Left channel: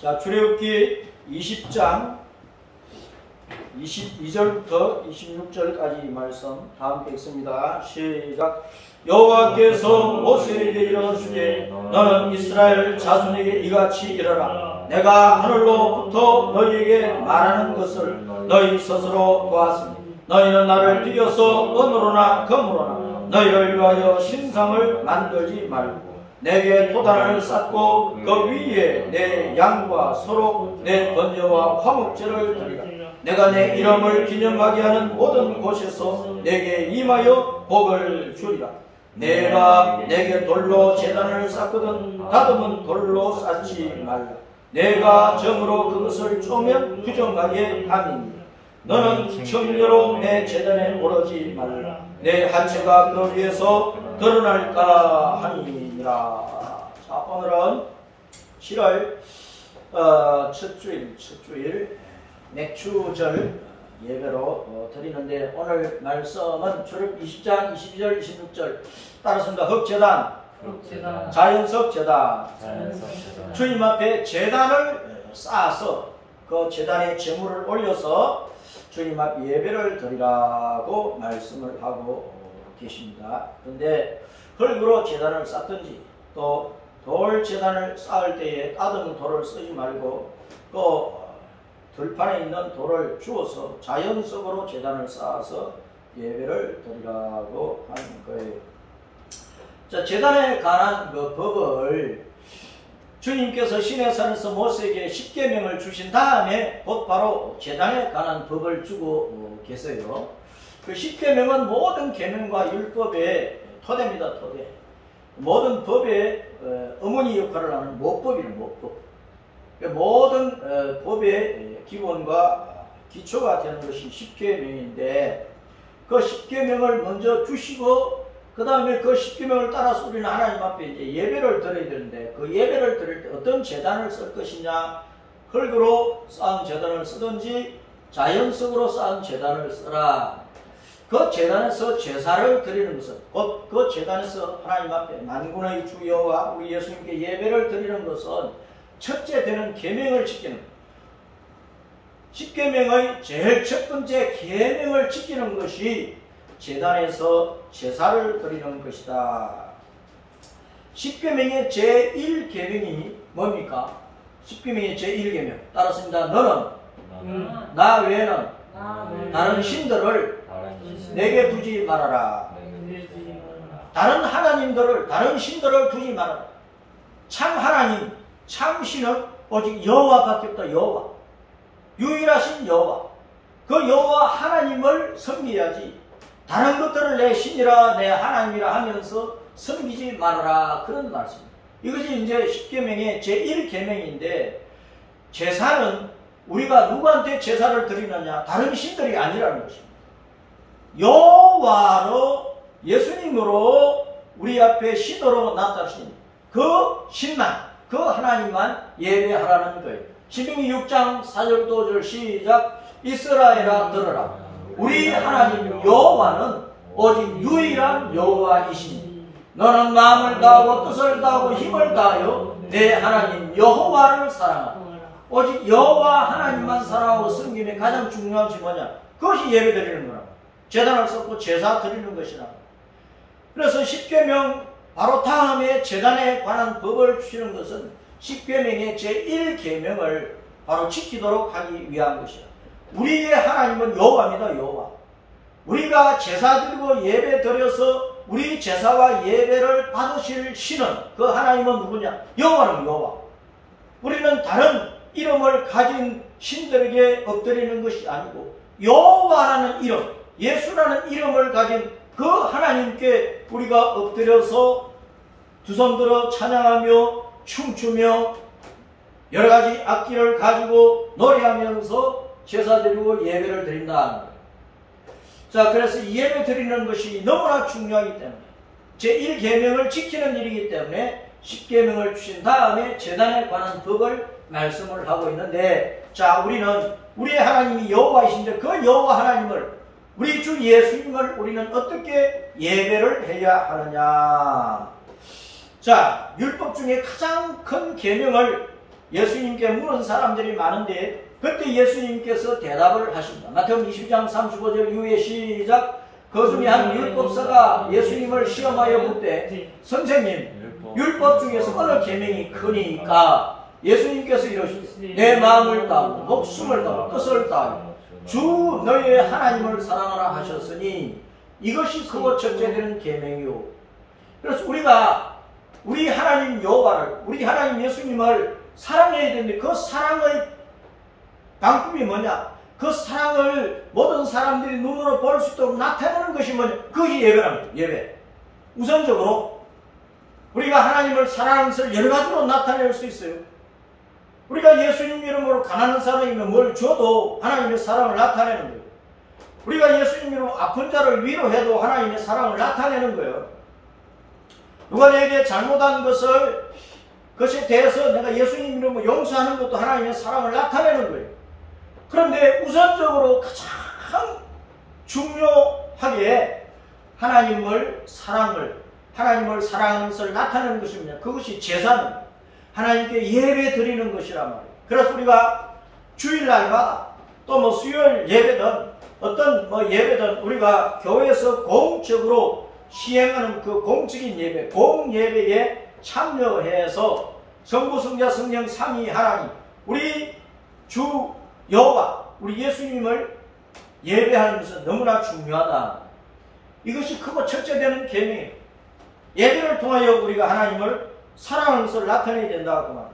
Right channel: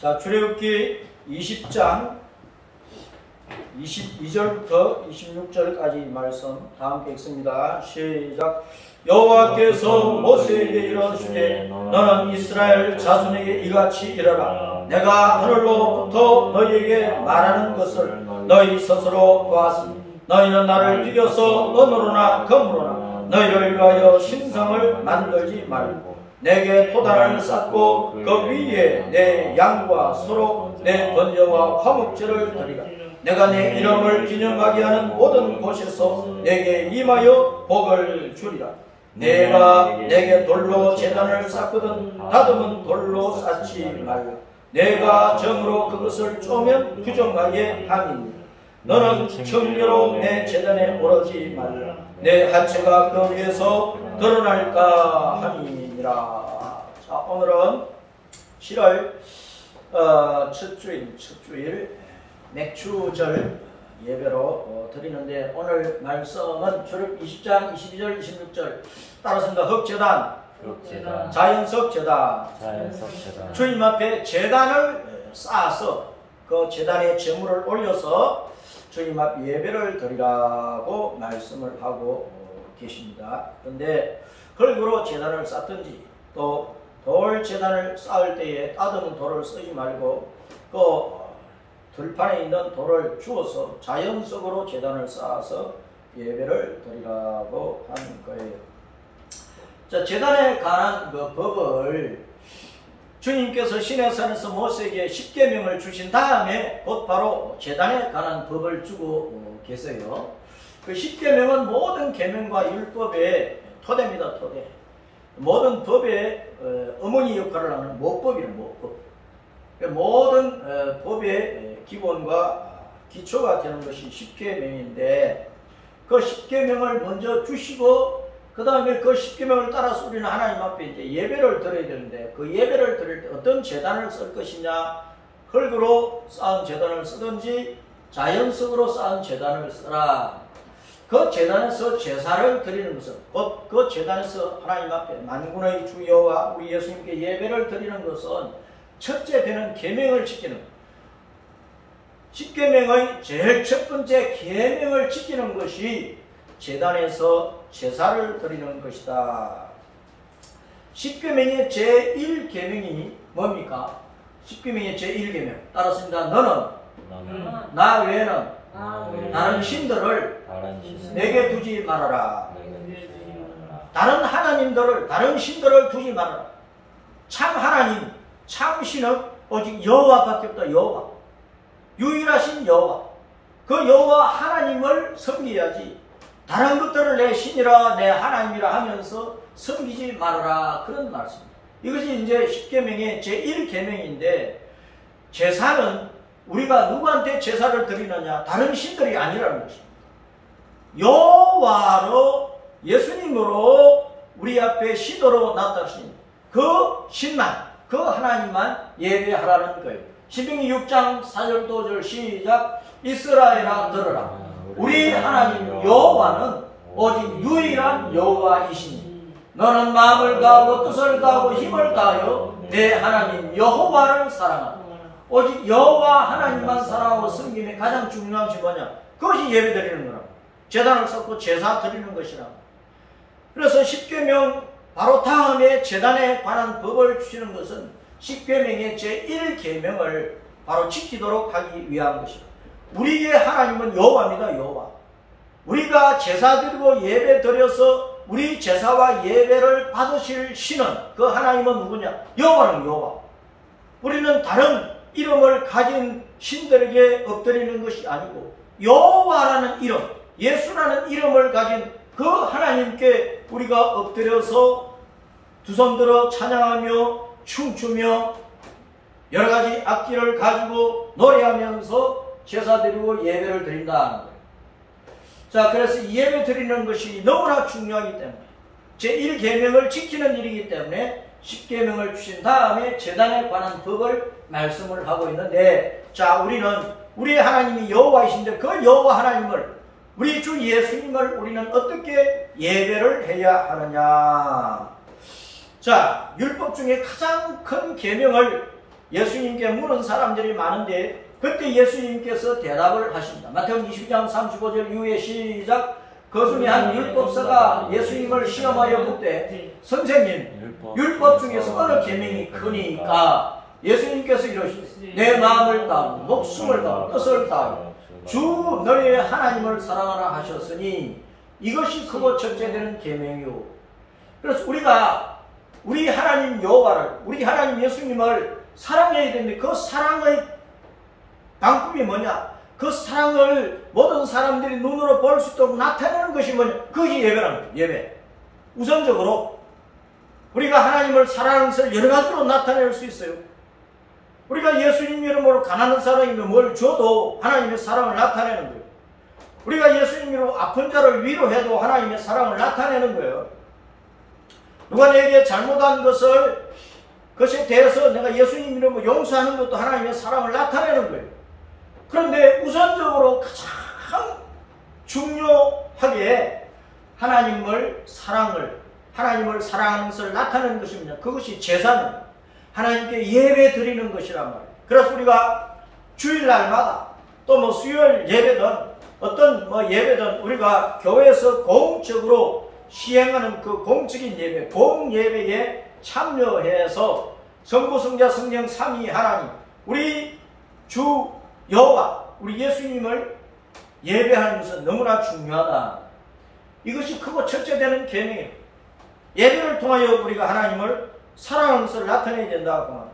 자, 출애굽기 20장 22절부터 26절까지 말씀 다 함께 읽습니다. 시작. 여호와께서 모세에게 이르시되 너는 이스라엘 자손에게 이같이 이르라. 내가 하늘로부터 너희에게 말하는 것을 너희 스스로 보았으니 너희는 나를 비교서 은으로나 금으로나 너희를 위하여 신상을 만들지 말고 내게 토단을 쌓고 그 위에 내 양과 소로 내 번제와 화목제를 드리라. 내가 내 이름을 기념하게 하는 모든 곳에서 내게 임하여 복을 주리라. 내가 내게 돌로 제단을 쌓거든 다듬은 돌로 쌓지 말라. 내가 정으로 그것을 쪼면 부정하게 함이니 너는 청례로 내 제단에 오르지 말라. 내 하체가 그 위에서 드러날까 함이니라. 자, 오늘은 7월 첫 주일 맥주절 예배로 드리는데 오늘 말씀은 출애굽기 20장 22절 26절 따라서 흑제단, 자연석 제단, 주님 앞에 제단을 쌓아서 그 제단에 제물을 올려서 주님 앞 예배를 드리라고 말씀을 하고 계십니다. 그런데 흙으로 제단을 쌓든지 또 돌 제단을 쌓을 때에 다듬은 돌을 쓰지 말고 그 들판에 있는 돌을 주워서 자연석으로 제단을 쌓아서 예배를 드리라고 하는 거예요. 자, 제단에 관한 그 법을 주님께서 시내산에서 모세에게 십계명을 주신 다음에 곧바로 제단에 관한 법을 주고 계세요. 그 십계명은 모든 계명과 율법의 토대입니다. 토대. 모든 법의 어머니 역할을 하는 모법이는 모법. 모든 법의 기본과 기초가 되는 것이 십계명인데 그 십계명을 먼저 주시고 그 다음에 그 십계명을 따라서 우리는 하나님 앞에 이제 예배를 드려야 되는데 그 예배를 드릴 때 어떤 제단을 쓸 것이냐, 흙으로 쌓은 제단을 쓰든지 자연석으로 쌓은 제단을 쓰라. 그 제단에서 제사를 드리는 것은 곧 그 제단에서 하나님 앞에 만군의 주 여호와 우리 예수님께 예배를 드리는 것은 첫째 되는 계명을 지키는 것. 십계명의 제일 첫 번째 계명을 지키는 것이 제단에서 제사를 드리는 것이다. 십계명의 제1계명이 뭡니까? 십계명의 제1계명 따랐습니다. 너는 나 외에는 다른 신들을 내게 두지 말아라. 다른 하나님들을, 다른 신들을 두지 말아라. 참 하나님, 참 신은 오직 여호와밖에 없다. 여호와, 유일하신 여호와, 그 여호와 하나님을 섬겨야지 다른 것들을 내 신이라 내 하나님이라 하면서 섬기지 말아라. 그런 말씀입니다. 이것이 이제 십계명의 제1계명인데 제사는 우리가 누구한테 제사를 드리느냐, 다른 신들이 아니라는 것입니다. 여호와로 예수님으로 우리 앞에 신으로 나타나신 그 신만, 그 하나님만 예배하라는 거예요. 신명기 6장 4절 5절 시작. 이스라엘아 들으라. 우리 하나님 여호와는 오직 유일한 여호와이시니 너는 마음을 다하고 뜻을 다하고 힘을 다하여 내 하나님 여호와를 사랑하라. 오직 여호와 하나님만 사랑하고 섬김의 가장 중요한 것이 뭐냐? 그것이 예배 드리는 거라고. 제단을 쌓고 제사 드리는 것이라고. 그래서 십계명 바로 다음에 제단에 관한 법을 주시는 것은 십계명의 제1계명을 바로 지키도록 하기 위한 것이다. 우리의 하나님은 여호와입니다. 여호와. 우리가 제사 드리고 예배 드려서 우리 제사와 예배를 받으실 신은 그 하나님은 누구냐? 여호와는 여호와. 우리는 다른 이름을 가진 신들에게 엎드리는 것이 아니고 여호와라는 이름, 예수라는 이름을 가진 그 하나님께 우리가 엎드려서 두 손 들어 찬양하며 춤추며 여러 가지 악기를 가지고 노래하면서 제사 드리고 예배를 드린다는 거예요. 자, 그래서 이 예배 드리는 것이 너무나 중요하기 때문에 제1계명을 지키는 일이기 때문에 10계명을 주신 다음에 제단에 관한 법을 말씀을 하고 있는데, 자, 우리는 우리의 하나님이 여호와이신데 그 여호와 하나님을, 우리 주 예수님을 우리는 어떻게 예배를 해야 하느냐. 자, 율법 중에 가장 큰 계명을 예수님께 물은 사람들이 많은데 그때 예수님께서 대답을 하십니다. 마태복음 22장 35절 이후에 시작. 그 중에 한 율법사가 예수님을 시험하여 묻되 선생님 율법 중에서 어느 계명이 크니까? 예수님께서 이러시되 내 마음을 다하고 목숨을 다하고 뜻을 다하고 주 너의 하나님을 사랑하라 하셨으니 이것이 크고 첫째 되는 계명이요. 그래서 우리가 우리 하나님 여호와를 우리 하나님 예수님을 사랑해야 되는데 그 사랑의 방법이 뭐냐? 그 사랑을 모든 사람들이 눈으로 볼 수 있도록 나타내는 것이 뭐냐? 그것이 예배랍니다. 예배. 우선적으로 우리가 하나님을 사랑하는 것을 여러 가지로 나타낼 수 있어요. 우리가 예수님 이름으로 가난한 사람이면 뭘 줘도 하나님의 사랑을 나타내는 거예요. 우리가 예수님 이름으로 아픈 자를 위로해도 하나님의 사랑을 나타내는 거예요. 누가 내게 잘못한 그것에 대해서 내가 예수님 이름으로 용서하는 것도 하나님의 사랑을 나타내는 거예요. 그런데 우선적으로 가장 중요하게 하나님을 사랑하는 것을 나타내는 것입니다. 그것이 제사는 하나님께 예배 드리는 것이란 말이에요. 그래서 우리가 주일날마다 또 수요일 예배든 어떤 예배든 우리가 교회에서 공적으로 시행하는 그 공적인 예배, 공예배에 참여해서 성부, 성자, 성령 삼위 하나님, 우리 주 여호와, 우리 예수님을 예배하는 것은 너무나 중요하다. 이것이 크고 첫째 되는 계명이에요. 예배를 통하여 우리가 하나님을 사랑하는 것을 나타내야 된다. 그 말.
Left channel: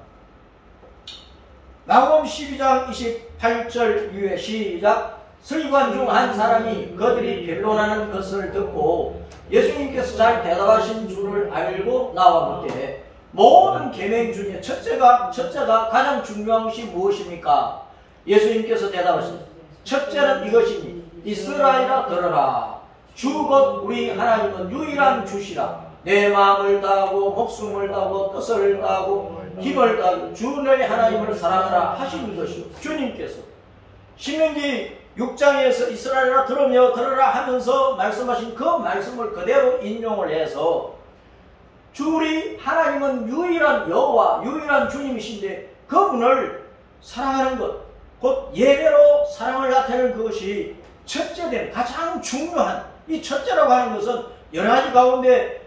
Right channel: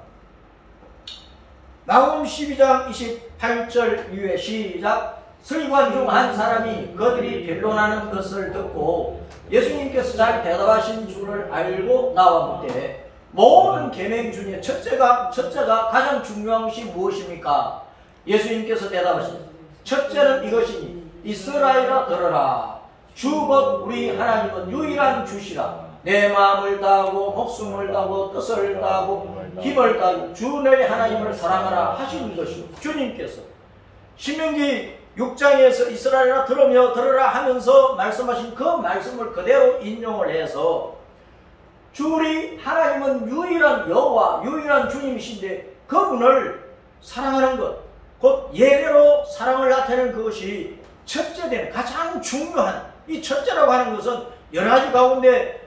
마가복음 12장 28절 이후에 시작. 서기관 중 한 사람이 그들이 변론하는 것을 듣고 예수님께서 잘 대답하신 줄을 알고 나와 묻되 모든 계명 중에 첫째가 가장 중요한 것이 무엇입니까? 예수님께서 대답하시되 첫째는 이것이니 이스라엘아 들으라. 주 곧 우리 하나님은 유일한 주시라. 내 마음을 다하고 목숨을 다하고 뜻을 다하고 힘을 다하고 주 너의 하나님을 사랑하라 하신 것이요. 주님께서 신명기 6장에서 이스라엘아 들으라 하면서 말씀하신 그 말씀을 그대로 인용을 해서 주리 하나님은 유일한 여호와, 유일한 주님이신데 그분을 사랑하는 것, 곧 예배로 사랑을 나타내는 그것이 첫째 되는 가장 중요한, 이 첫째라고 하는 것은 여러 가지 가운데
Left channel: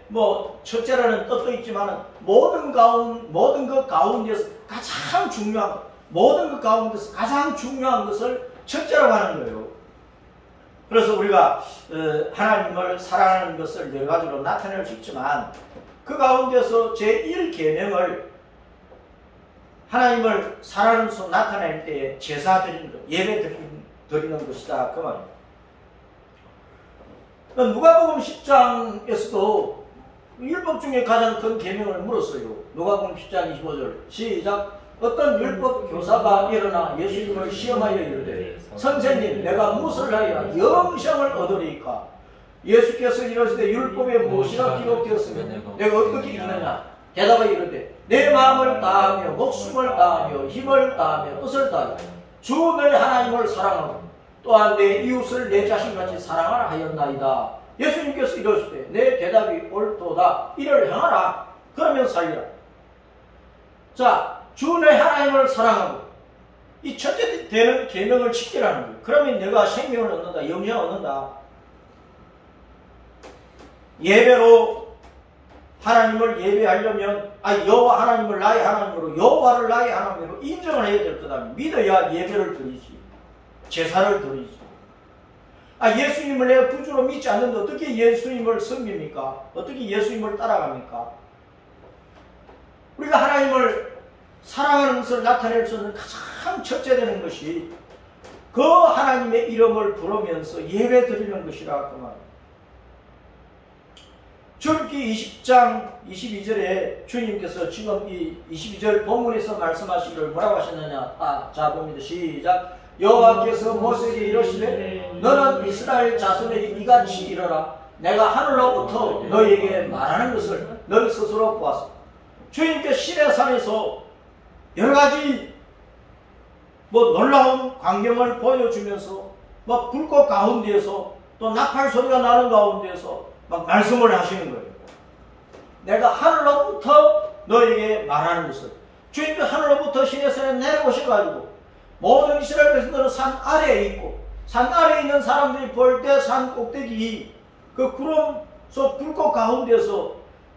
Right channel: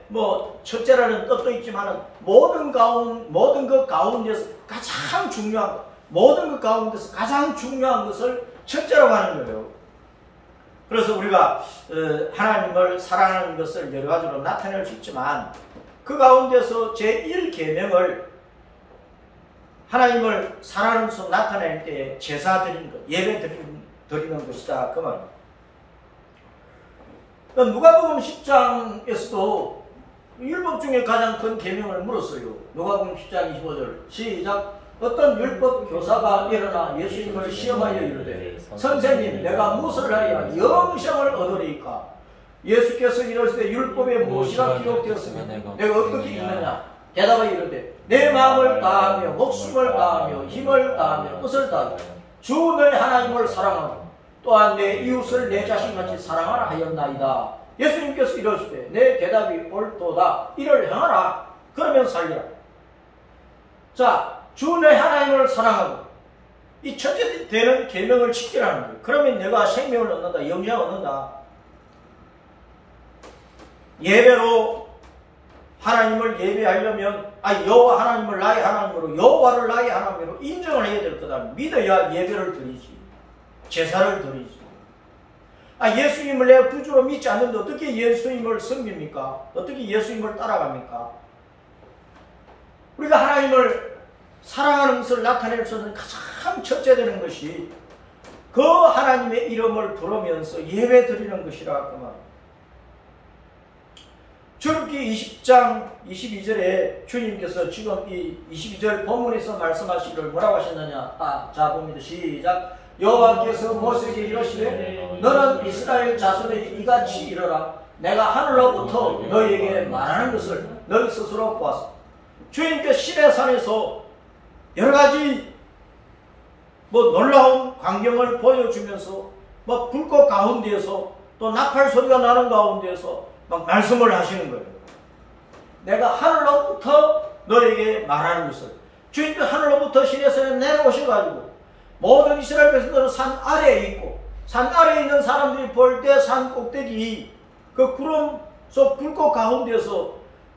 첫째라는 뜻도 있지만 모든 것 가운데서 가장 중요한 것, 모든 것 가운데서 가장 중요한 것을 첫째라고 하는 거예요. 그래서 우리가 하나님을 사랑하는 것을 여러 가지로 나타낼 수 있지만 그 가운데서 제1계명을 하나님을 사랑하는 것으로 나타낼 때 제사 드리는 것, 예배 드리는 것이다. 그 말입니다. 누가복음 10장에서도 율법 중에 가장 큰 계명을 물었어요. 누가복음 10장 25절 시작. 어떤 율법 교사가 일어나 예수님을 시험하여 이르되 선생님 내가 무엇을 하여 영생을 얻으리이까? 예수께서 이르시되 율법에 무엇이라 기록되었으면 내가 어떻게 읽느냐? 대답을 이르되 내 마음을 다하며 목숨을 다하며 힘을 다하며 뜻을 다하며 주 너의 하나님을 사랑하고 또한 내 이웃을 내 자신같이 사랑하라 하였나이다. 예수님께서 이러시되 내 대답이 옳도다. 이를 행하라. 그러면 살리라. 자, 주 너의 하나님을 사랑하고 이 첫째 되는 계명을 지키라는 거예요. 그러면 내가 생명을 얻는다. 영생을 얻는다. 예배로 하나님을 예배하려면 여호와 하나님을 나의 하나님으로, 여호와를 나의 하나님으로 인정을 해야 될 거다. 믿어야 예배를 드리지, 제사를 드리지. 예수님을 내가 구주로 믿지 않는데 어떻게 예수님을 섬깁니까? 어떻게 예수님을 따라갑니까? 우리가 하나님을 사랑하는 것을 나타낼 수 있는 가장 첫째 되는 것이 그 하나님의 이름을 부르면서 예배 드리는 것이라 그 말입니다. 출애굽기 20장 22절에 주님께서 지금 이 22절 본문에서 말씀하시기를 뭐라고 하셨느냐? 자 봅니다. 시작. 여호와께서 모세에게 이르시되 너는 이스라엘 자손에게 이같이 이르라. 내가 하늘로부터 너희에게 말하는 것을 너희 스스로 보았어. 주님께서 시내산에서 여러 가지 놀라운 광경을 보여주면서 불꽃 가운데에서 또 나팔 소리가 나는 가운데에서 말씀을 하시는 거예요. 내가 하늘로부터 너에게 말하는 것을. 주님께서 하늘로부터 하늘로부터 시내산에 내려오셔가지고 모든 이스라엘 백성들은 산 아래에 있고 산 아래에 있는 사람들이 볼 때 산 꼭대기 그 구름 속 불꽃 가운데서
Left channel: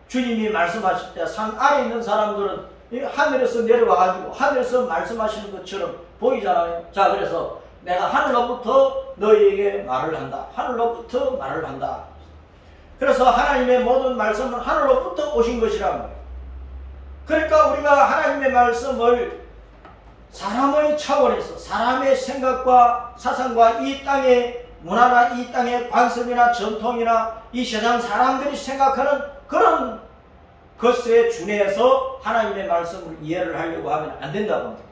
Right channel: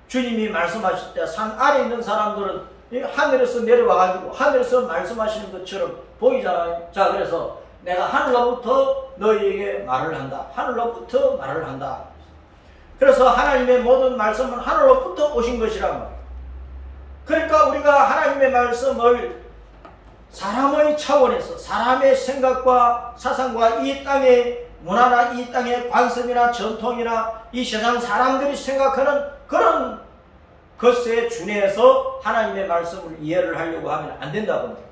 주님이 말씀하실 때 산 아래에 있는 사람들은 하늘에서 내려와가지고 하늘에서 말씀하시는 것처럼 보이잖아요. 자, 그래서 내가 하늘로부터 너희에게 말을 한다. 하늘로부터 말을 한다. 그래서 하나님의 모든 말씀은 하늘로부터 오신 것이란 말이에요. 그러니까 우리가 하나님의 말씀을 사람의 차원에서 사람의 생각과 사상과 이 땅의 문화나 이 땅의 관습이나 전통이나 이 세상 사람들이 생각하는 그런 것에 준해서 하나님의 말씀을 이해를 하려고 하면 안 된다고 합니다.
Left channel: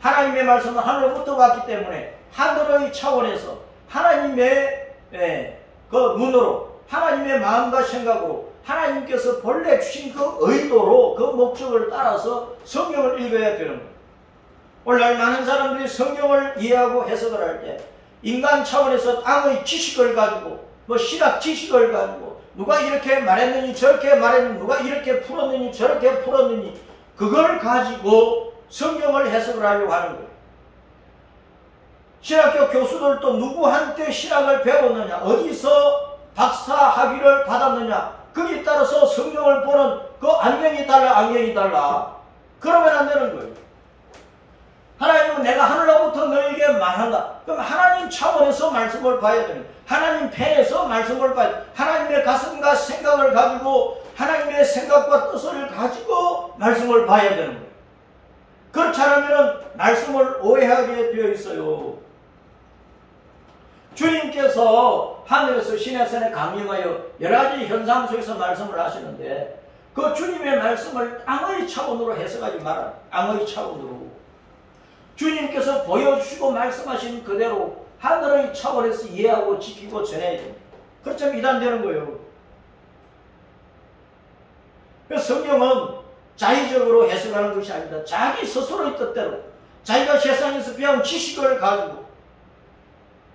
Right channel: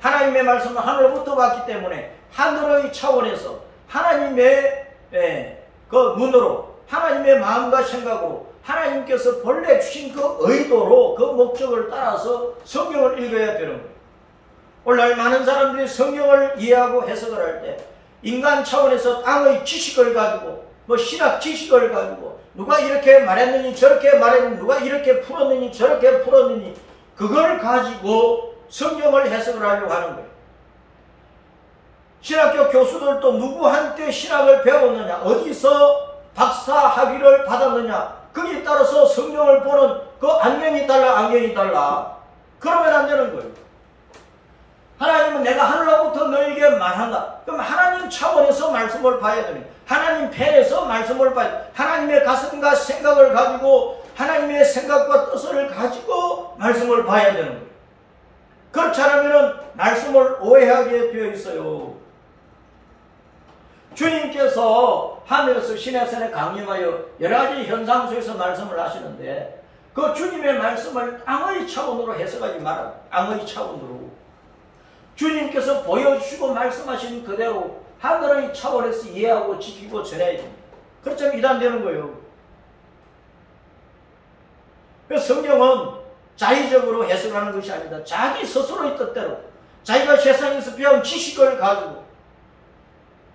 하나님의 말씀은 하늘로부터 왔기 때문에 하늘의 차원에서 하나님의 그 눈으로 하나님의 마음과 생각으로 하나님께서 본래 주신 그 의도로 그 목적을 따라서 성경을 읽어야 되는 거예요. 오늘날 많은 사람들이 성경을 이해하고 해석을 할 때 인간 차원에서 땅의 지식을 가지고 뭐 신학 지식을 가지고 누가 이렇게 말했느니 저렇게 말했느니 누가 이렇게 풀었느니 저렇게 풀었느니 그걸 가지고 성경을 해석을 하려고 하는 거예요. 신학교 교수들도 누구한테 신학을 배웠느냐 어디서 박사 학위를 받았느냐 거기에 따라서 성경을 보는 그 안경이 달라 그러면 안 되는 거예요. 하나님은 내가 하늘로부터 너에게 말한다. 그럼 하나님 차원에서 말씀을 봐야 됩니다. 하나님 편에서 말씀을 봐야 됩니다. 하나님의 가슴과 생각을 가지고 하나님의 생각과 뜻을 가지고 말씀을 봐야 되는 거예요. 그렇지 않으면 말씀을 오해하게 되어 있어요. 주님께서 하늘에서 시내산에 강림하여 여러 가지 현상 속에서 말씀을 하시는데 그 주님의 말씀을 땅의 차원으로 해석하지 말아요. 땅의 차원으로. 주님께서 보여주시고 말씀하신 그대로 하늘의 차원에서 이해하고 지키고 전해야 됩니다. 그렇지 않으면 이단되는 거예요. 그래서 성경은 자의적으로 해석하는 것이 아니다. 자기 스스로의 뜻대로 자기가 세상에서 배운 지식을 가지고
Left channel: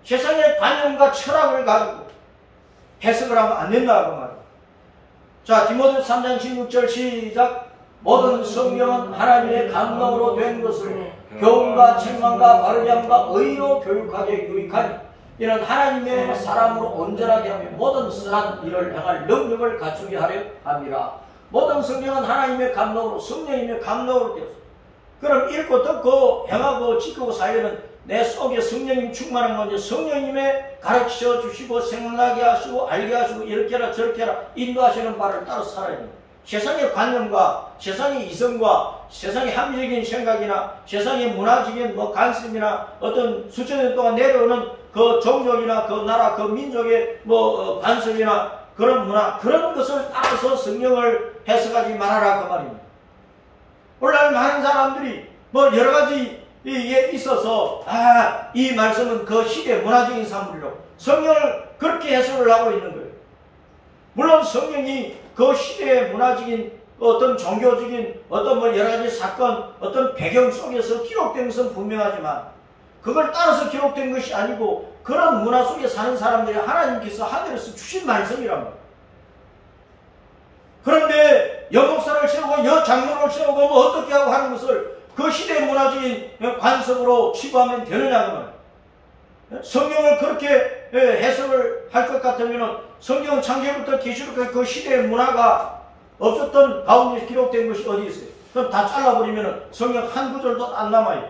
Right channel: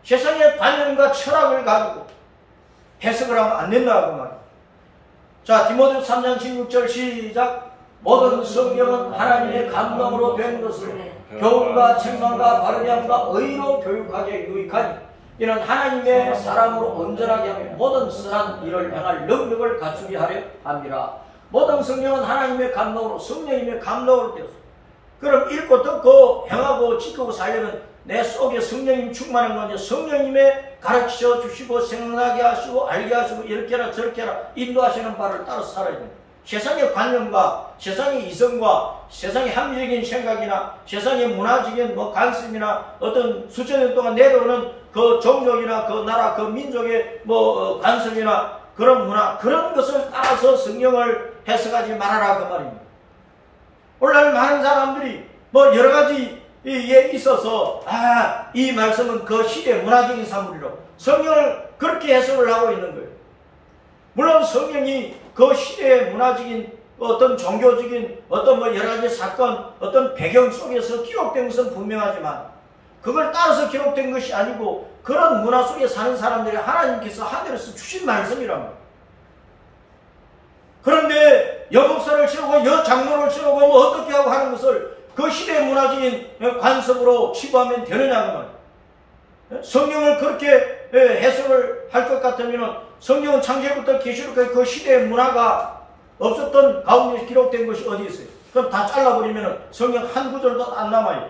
세상의 관념과 철학을 가지고 해석을 하면 안 된다고 말이에요. 자, 디모데후서 3장 16절 시작. 모든 성경은 하나님의 감동으로 된 것으로 교훈과 책망과 바르게 함과 의로 교육하게 유익하니 이는 하나님의 사람으로 온전하게 하며 모든 선한 일을 행할 능력을 갖추게 하려 합니다. 모든 성경은 하나님의 감동으로 성령님의 감동으로 되었습니다. 그럼 읽고 듣고 행하고 지키고 살려면 내 속에 성령님 충만한 건지 성령님의 가르쳐 주시고 생각나게 하시고 알게 하시고 이렇게 해라 저렇게 해라 인도하시는 바를 따라 살아야 됩니다. 세상의 관념과 세상의 이성과 세상의 합리적인 생각이나 세상의 문화적인 관습이나 어떤 수천 년 동안 내려오는 그 종족이나 그 나라 그 민족의 관습이나 그런 문화 그런 것을 따라서 성경을 해석하지 말아라 그 말입니다. 오늘날 많은 사람들이 여러 가지에 있어서 이 말씀은 그 시대 문화적인 사물이로 성경을 그렇게 해석을 하고 있는 거예요. 물론 성경이 그 시대의 문화적인 어떤 종교적인 어떤 여러 가지 사건 어떤 배경 속에서 기록된 것은 분명하지만 그걸 따라서 기록된 것이 아니고 그런 문화 속에 사는 사람들이 하나님께서 하늘에서 주신 말씀이란 말이에요. 그런데 여목사를 세우고 여장로를 세우고 어떻게 하고 하는 것을 그 시대의 문화적인 관습으로 치부하면 되느냐 그 말이에요. 성경을 그렇게 해석을 할 것 같으면 성경은 창세부터 계시록까지 그 시대의 문화가 없었던 가운데 기록된 것이 어디 있어요? 그럼 다 잘라버리면 성경 한 구절도 안 남아요.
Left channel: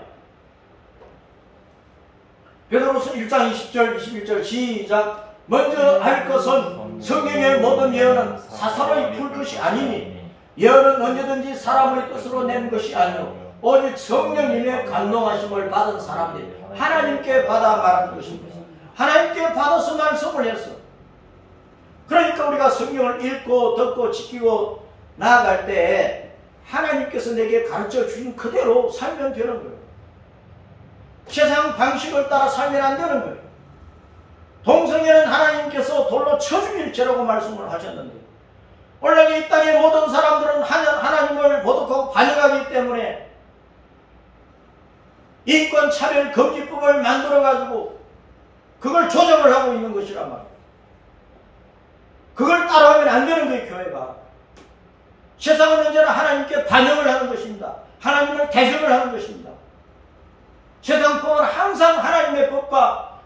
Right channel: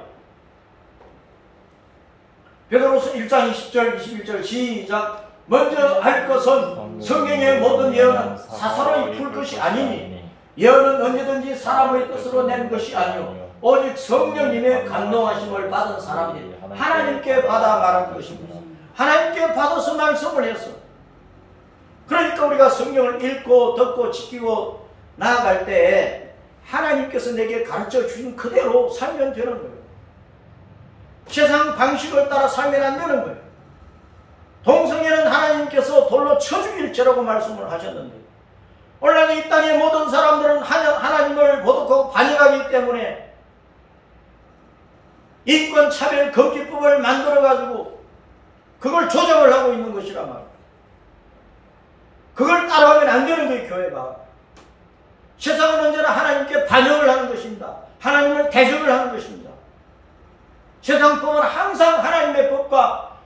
베드로서 1장 20절 21절 시작. 먼저 알 것은 성경의 모든 예언은 사사로이 풀 것이 아니니 예언은 언제든지 사람의 뜻으로 낸 것이 아니요 오직 성령님의 감동하심을 받은 사람들이 하나님께 받아 말한 것입니다. 하나님께 받아서 말씀을 했어. 그러니까 우리가 성경을 읽고 듣고 지키고 나아갈 때 하나님께서 내게 가르쳐 주신 그대로 살면 되는 거예요. 세상 방식을 따라 살면 안 되는 거예요. 동성애는 하나님께서 돌로 쳐 죽일 죄라고 말씀을 하셨는데 오늘날 이 땅의 모든 사람들은 하나님을 모독하고 반역하기 때문에 인권차별 금지법을 만들어가지고 그걸 조정을 하고 있는 것이란 말이에요. 그걸 따라가면 안 되는 거예요. 교회가. 세상은 언제나 하나님께 반역을 하는 것입니다. 하나님을 대적을 하는 것입니다. 세상 법은 항상 하나님의 법과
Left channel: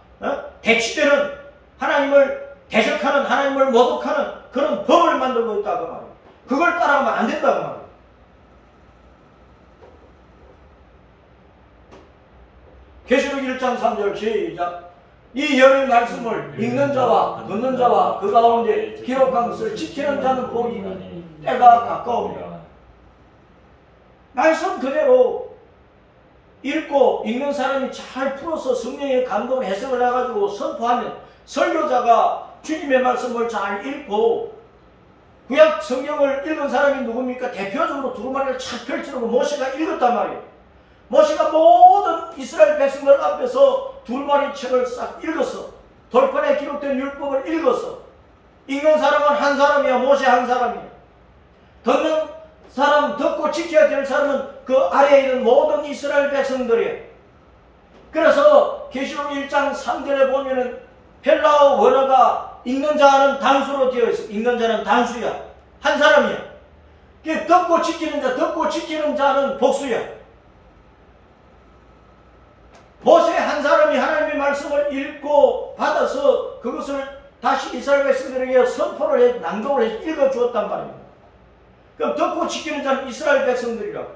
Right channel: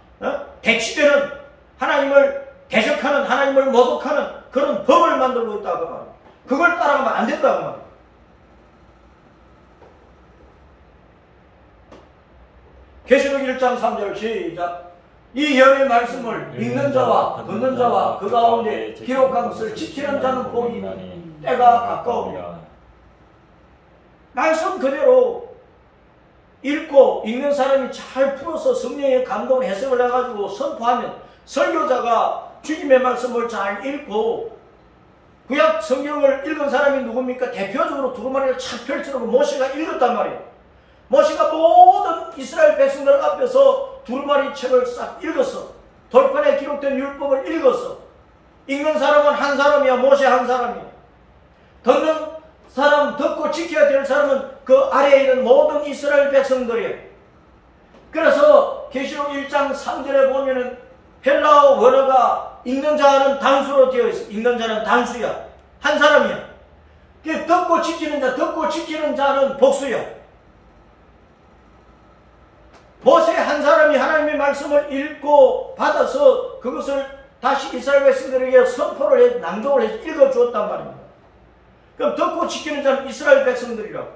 대치되는, 하나님을 대적하는, 하나님을 모독하는 그런 법을 만들고 있다고 말이에요. 그걸 따라가면 안 된다고 말이에요. 계시록 1장 3절 시작. 이 열의 말씀을 읽는 자와 듣는 자와 그 가운데 기록한 것을 지키는 자는 복이 있니 때가 가까우며. 말씀 그대로 읽고 읽는 사람이 잘 풀어서 성령의 감동을 해석을 해가지고 선포하면, 설교자가 주님의 말씀을 잘 읽고, 구약 성경을 읽은 사람이 누굽니까? 대표적으로 두루마리를 착 펼치고 모세가 읽었단 말이에요. 모세가 모든 이스라엘 백성들 앞에서 두루마리 책을 싹 읽었어. 돌판에 기록된 율법을 읽었어. 읽는 사람은 한 사람이야. 모세 한 사람이야. 듣는 사람, 듣고 지켜야 될 사람은 그 아래에 있는 모든 이스라엘 백성들이에요. 그래서 계시록 1장 3절에 보면은 헬라어 원어가 읽는 자는 단수로 되어 있어. 읽는 자는 단수야. 한 사람이야. 듣고 지키는 자, 듣고 지키는 자는 복수야. 모세 한 사람이 하나님의 말씀을 읽고 받아서 그것을 다시 이스라엘 백성들에게 선포를 해, 낭독을 해서 읽어주었단 말입니다. 그럼 듣고 지키는 자는 이스라엘 백성들이라고.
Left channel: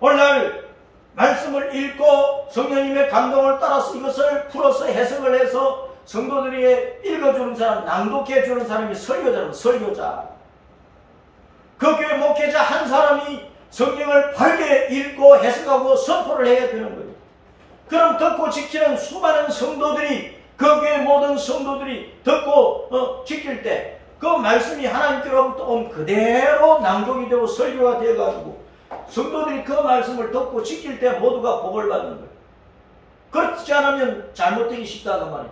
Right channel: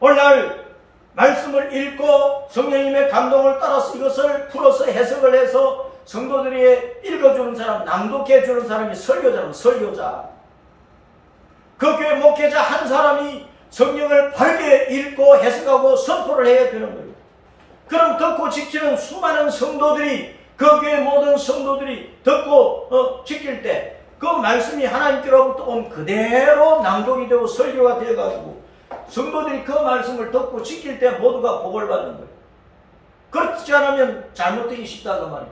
오늘날 말씀을 읽고 성령님의 감동을 따라서 이것을 풀어서 해석을 해서 성도들에게 읽어주는 사람, 낭독해주는 사람이 설교자라고. 설교자. 그 교회 목회자 한 사람이 성경을 바르게 읽고 해석하고 선포를 해야 되는 거예요. 그럼 듣고 지키는 수많은 성도들이, 그 교회 모든 성도들이 듣고 지킬 때 그 말씀이 하나님께로부터 온 그대로 낭독이 되고 설교가 되어가지고 성도들이 그 말씀을 듣고 지킬 때 모두가 복을 받는 거예요. 그렇지 않으면 잘못되기 쉽다는 말이에요.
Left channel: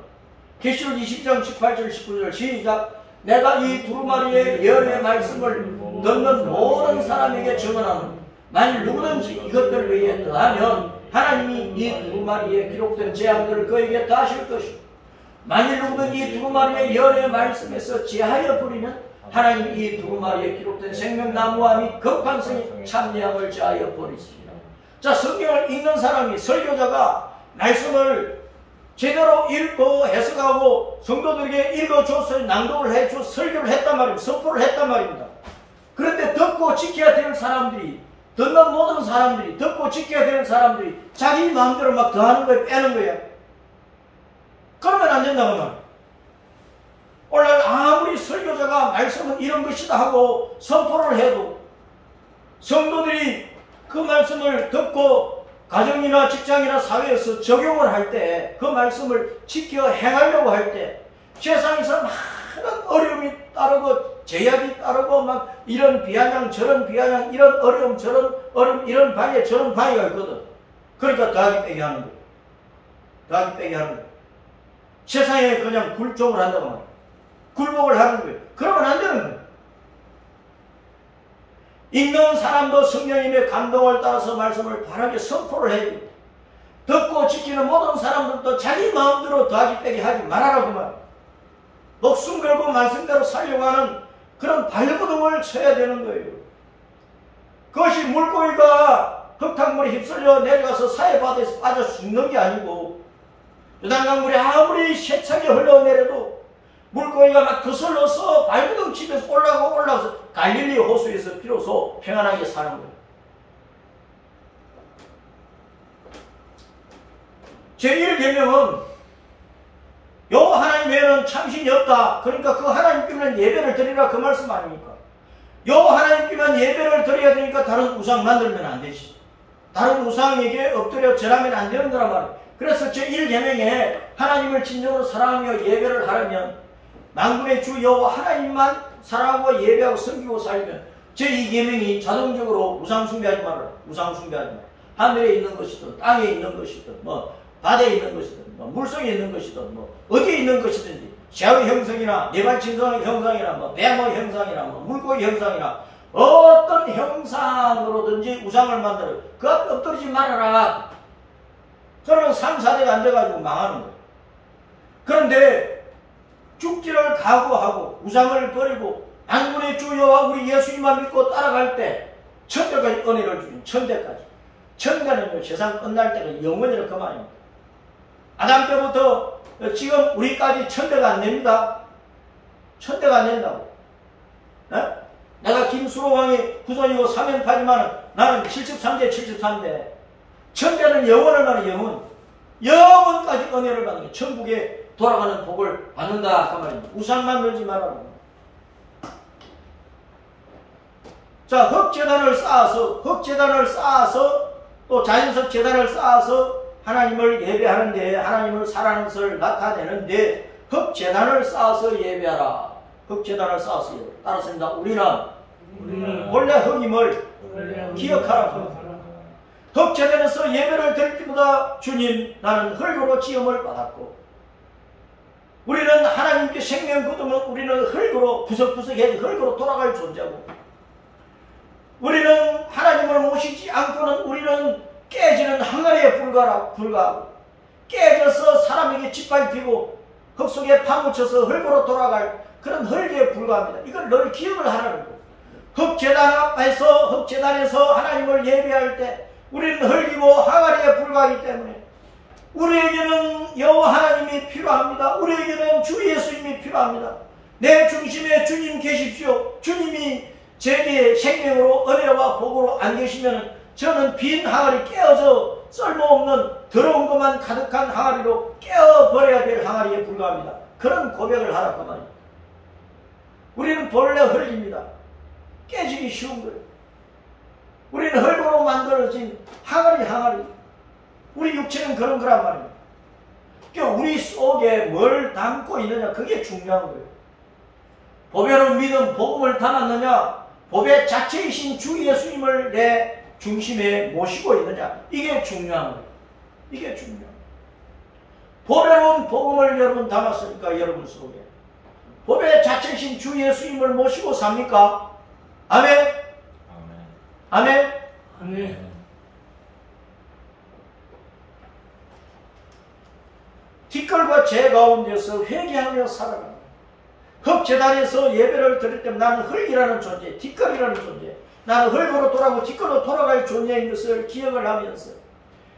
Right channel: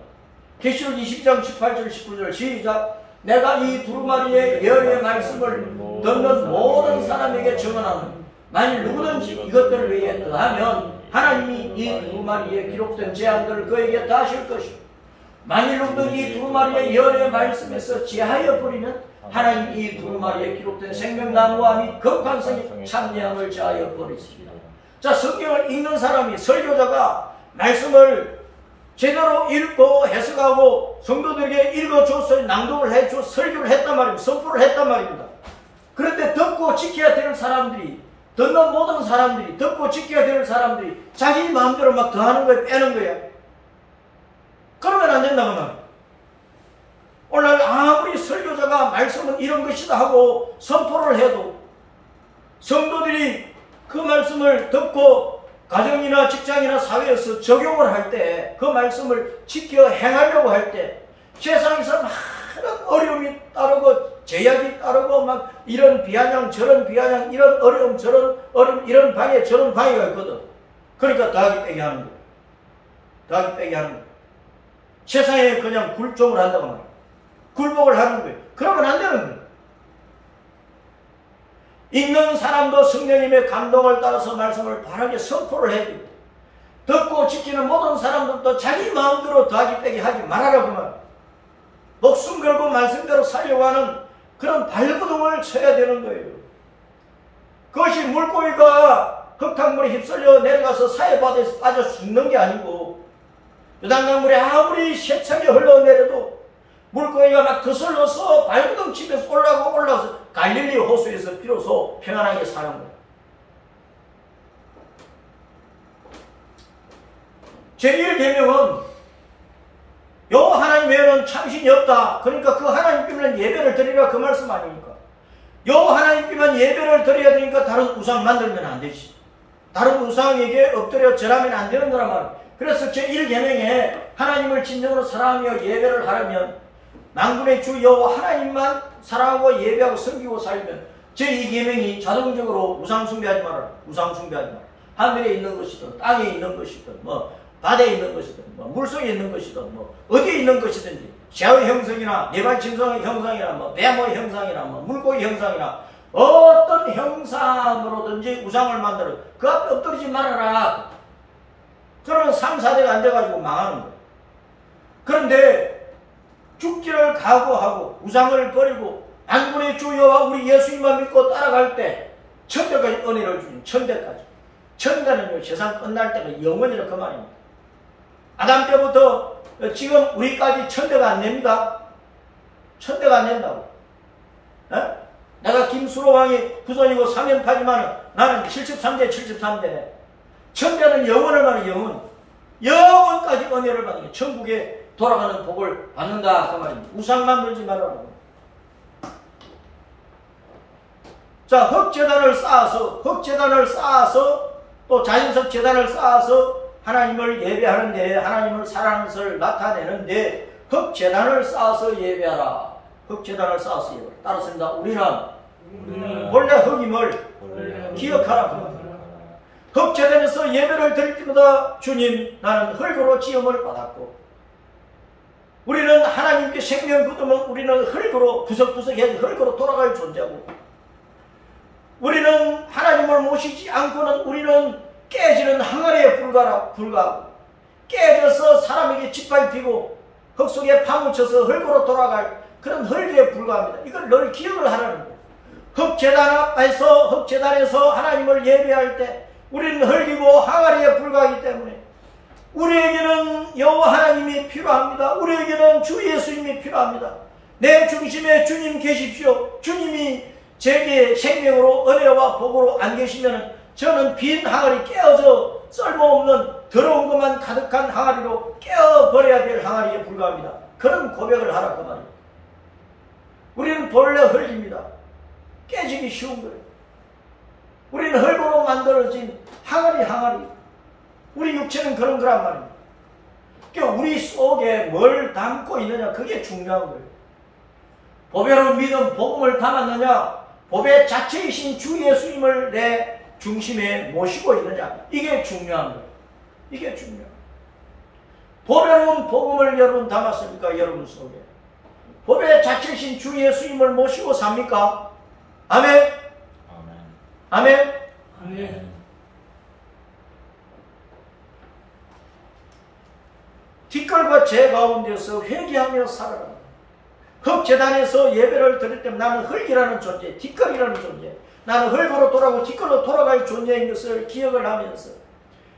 계시록 20장 18절 19절 시작. 내가 이 두루마리의 열의 말씀을 듣는 모든 사람에게 증언하노니 만일 누구든지 이것들을 위해 더하면 하나님이 이 두루마리에 기록된 재앙들을 그에게 다하실 것이고, 만일 누구든 이 두루마리의 열의 말씀에서 제하여 버리면 하나님이 이 두루마리에 기록된 생명나무와 및 거룩한성의 참여함을 제하여 버리십니다. 자, 성경을 읽는 사람이, 설교자가 말씀을 제대로 읽고 해석하고 성도들에게 읽어줘서 낭독을 해줘 설교를 했단 말입니다. 선포를 했단 말입니다. 그런데 듣고 지켜야 될 사람들이, 듣는 모든 사람들이, 듣고 지켜야 될 사람들이 자기 마음대로 막 더하는 거야, 빼는 거야. 그러면 안 된다고 말이야. 오늘 아무리 설교자가 말씀은 이런 것이다 하고 선포를 해도 성도들이 그 말씀을 듣고 가정이나 직장이나 사회에서 적용을 할 때, 그 말씀을 지켜 행하려고 할 때 세상에서 많은 어려움이 따르고 제약이 따르고 막 이런 비아냥 저런 비아냥, 이런 어려움 저런 어려움, 이런 방해 저런 방해가 있거든. 그러니까 더하기 빼기 하는 거예요. 더하기 빼기 하는 거예요. 세상에 그냥 굴종을 한다고 말이에요. 굴복을 하는 거예요. 그러면 안 되는 거예요. 읽는 사람도 성령님의 감동을 따라서 말씀을 바르게 선포를 해야 돼요. 듣고 지키는 모든 사람들도 자기 마음대로 더하기 빼기 하지 말아라 그 말이에요. 목숨 걸고 말씀대로 살려고 하는 그런 발버둥을 쳐야 되는 거예요. 그것이 물고기가 흙탕물에 휩쓸려 내려가서 사해바다에서 빠져 죽는 게 아니고, 요단강물에 아무리 세차게 흘러내려도 물고기가 막 거슬러서 발버둥 치면서 올라가서 갈릴리 호수에서 비로소 평안하게 사는 거예요. 제1계명은 요 하나님 외에는 참신이 없다. 그러니까 그 하나님께만 예배를 드리라, 그 말씀 아닙니까? 요 하나님께만 예배를 드려야 되니까 다른 우상 만들면 안 되지. 다른 우상에게 엎드려 절하면 안 되는 거란 말이에요. 그래서 제1계명에 하나님을 진정으로 사랑하며 예배를 하려면, 만군의 주 여호와 하나님만 사랑하고 예배하고 섬기고 살면 제2계명이 자동적으로 우상 숭배하지 말아라. 우상 숭배하지 마라. 하늘에 있는 것이든 땅에 있는 것이든 뭐 바다에 있는 것이든 뭐 물속에 있는 것이든 뭐 어디에 있는 것이든지, 새의 형상이나 네발짐승의 형상이나 뭐 뱀의 형상이나 뭐 물고기 형상이나 어떤 형상으로든지 우상을 만들어 그 앞에 엎드리지 말아라. 그러면 3, 4대가 앉아가지고 망하는 거예요. 그런데 죽기를 각오하고 우상을 버리고 만군의 주 여호와 우리 예수님만 믿고 따라갈 때 천대까지 은혜를 주신 천대까지. 천대는요 세상 끝날 때가 영원이라 그 말입니다. 아담 때부터 지금 우리까지 천대가 안 됩니다. 천대가 안 된다고. 에? 내가 김수로왕이 후손이고 사면파지만 나는 73대 73대. 천대는 영원을 말해 영원. 영원까지 은혜를 받는 게 천국에 돌아가는 복을 받는다 그 말입니다. 우상만 놀지 말아라. 자, 흙재단을 쌓아서 또 자연석 재단을 쌓아서 하나님을 예배하는데 하나님을 사랑하는 것을 나타내는데 흙재단을 쌓아서 예배하라. 흙재단을 쌓아서 예배하라. 따랐습니다. 우리는 본래 흙임을 기억하라. 흙재단에서 예배를 드릴 때마다 주님 나는 흙으로 지음을 받았고 우리는 하나님께 생명 거두면 우리는 흙으로 구석구석해서 흙으로 돌아갈 존재고 우리는 하나님을 모시지 않고는 우리는 깨지는 항아리에 불과하고 깨져서 사람에게 짓밟히고 흙 속에 파묻혀서 흙으로 돌아갈 그런 흙에 불과합니다. 이걸 늘 기억을 하라는 거예요. 흙재단에서 하나님을 예배할 때 우리는 흙이고 항아리에 불과하기 때문에 우리에게는 여호와 하나님이 필요합니다. 우리에게는 주 예수님이 필요합니다. 내 중심에 주님 계십시오. 주님이 제게 생명으로 은혜와 복으로 안 계시면 저는 빈 항아리 깨어져 쓸모없는 더러운 것만 가득한 항아리로 깨어버려야 될 항아리에 불과합니다. 그런 고백을 하라 그 말입니다. 우리는 본래 흙입니다. 깨지기 쉬운 거예요. 우리는 흙으로 만들어진 항아리. 우리 육체는 그런 거란 말입니다. 그러니까 우리 속에 뭘 담고 있느냐 그게 중요한 거예요. 보배로운 믿음, 복음을 담았느냐 보배 자체이신 주 예수님을 내 중심에 모시고 있느냐 이게 중요한 거예요. 이게 중요한 거예요. 보배로운 복음을 여러분 담았습니까? 여러분 속에 보배 자체이신 주 예수님을 모시고 삽니까? 아멘? 아멘? 아멘. 뒷걸과 제 가운데서 회개하며 살아라. 흙재단에서 예배를 드릴 때 나는 흙이라는 존재, 뒷걸이라는 존재, 나는 흙으로 돌아가고 뒷걸로 돌아갈 존재인 것을 기억을 하면서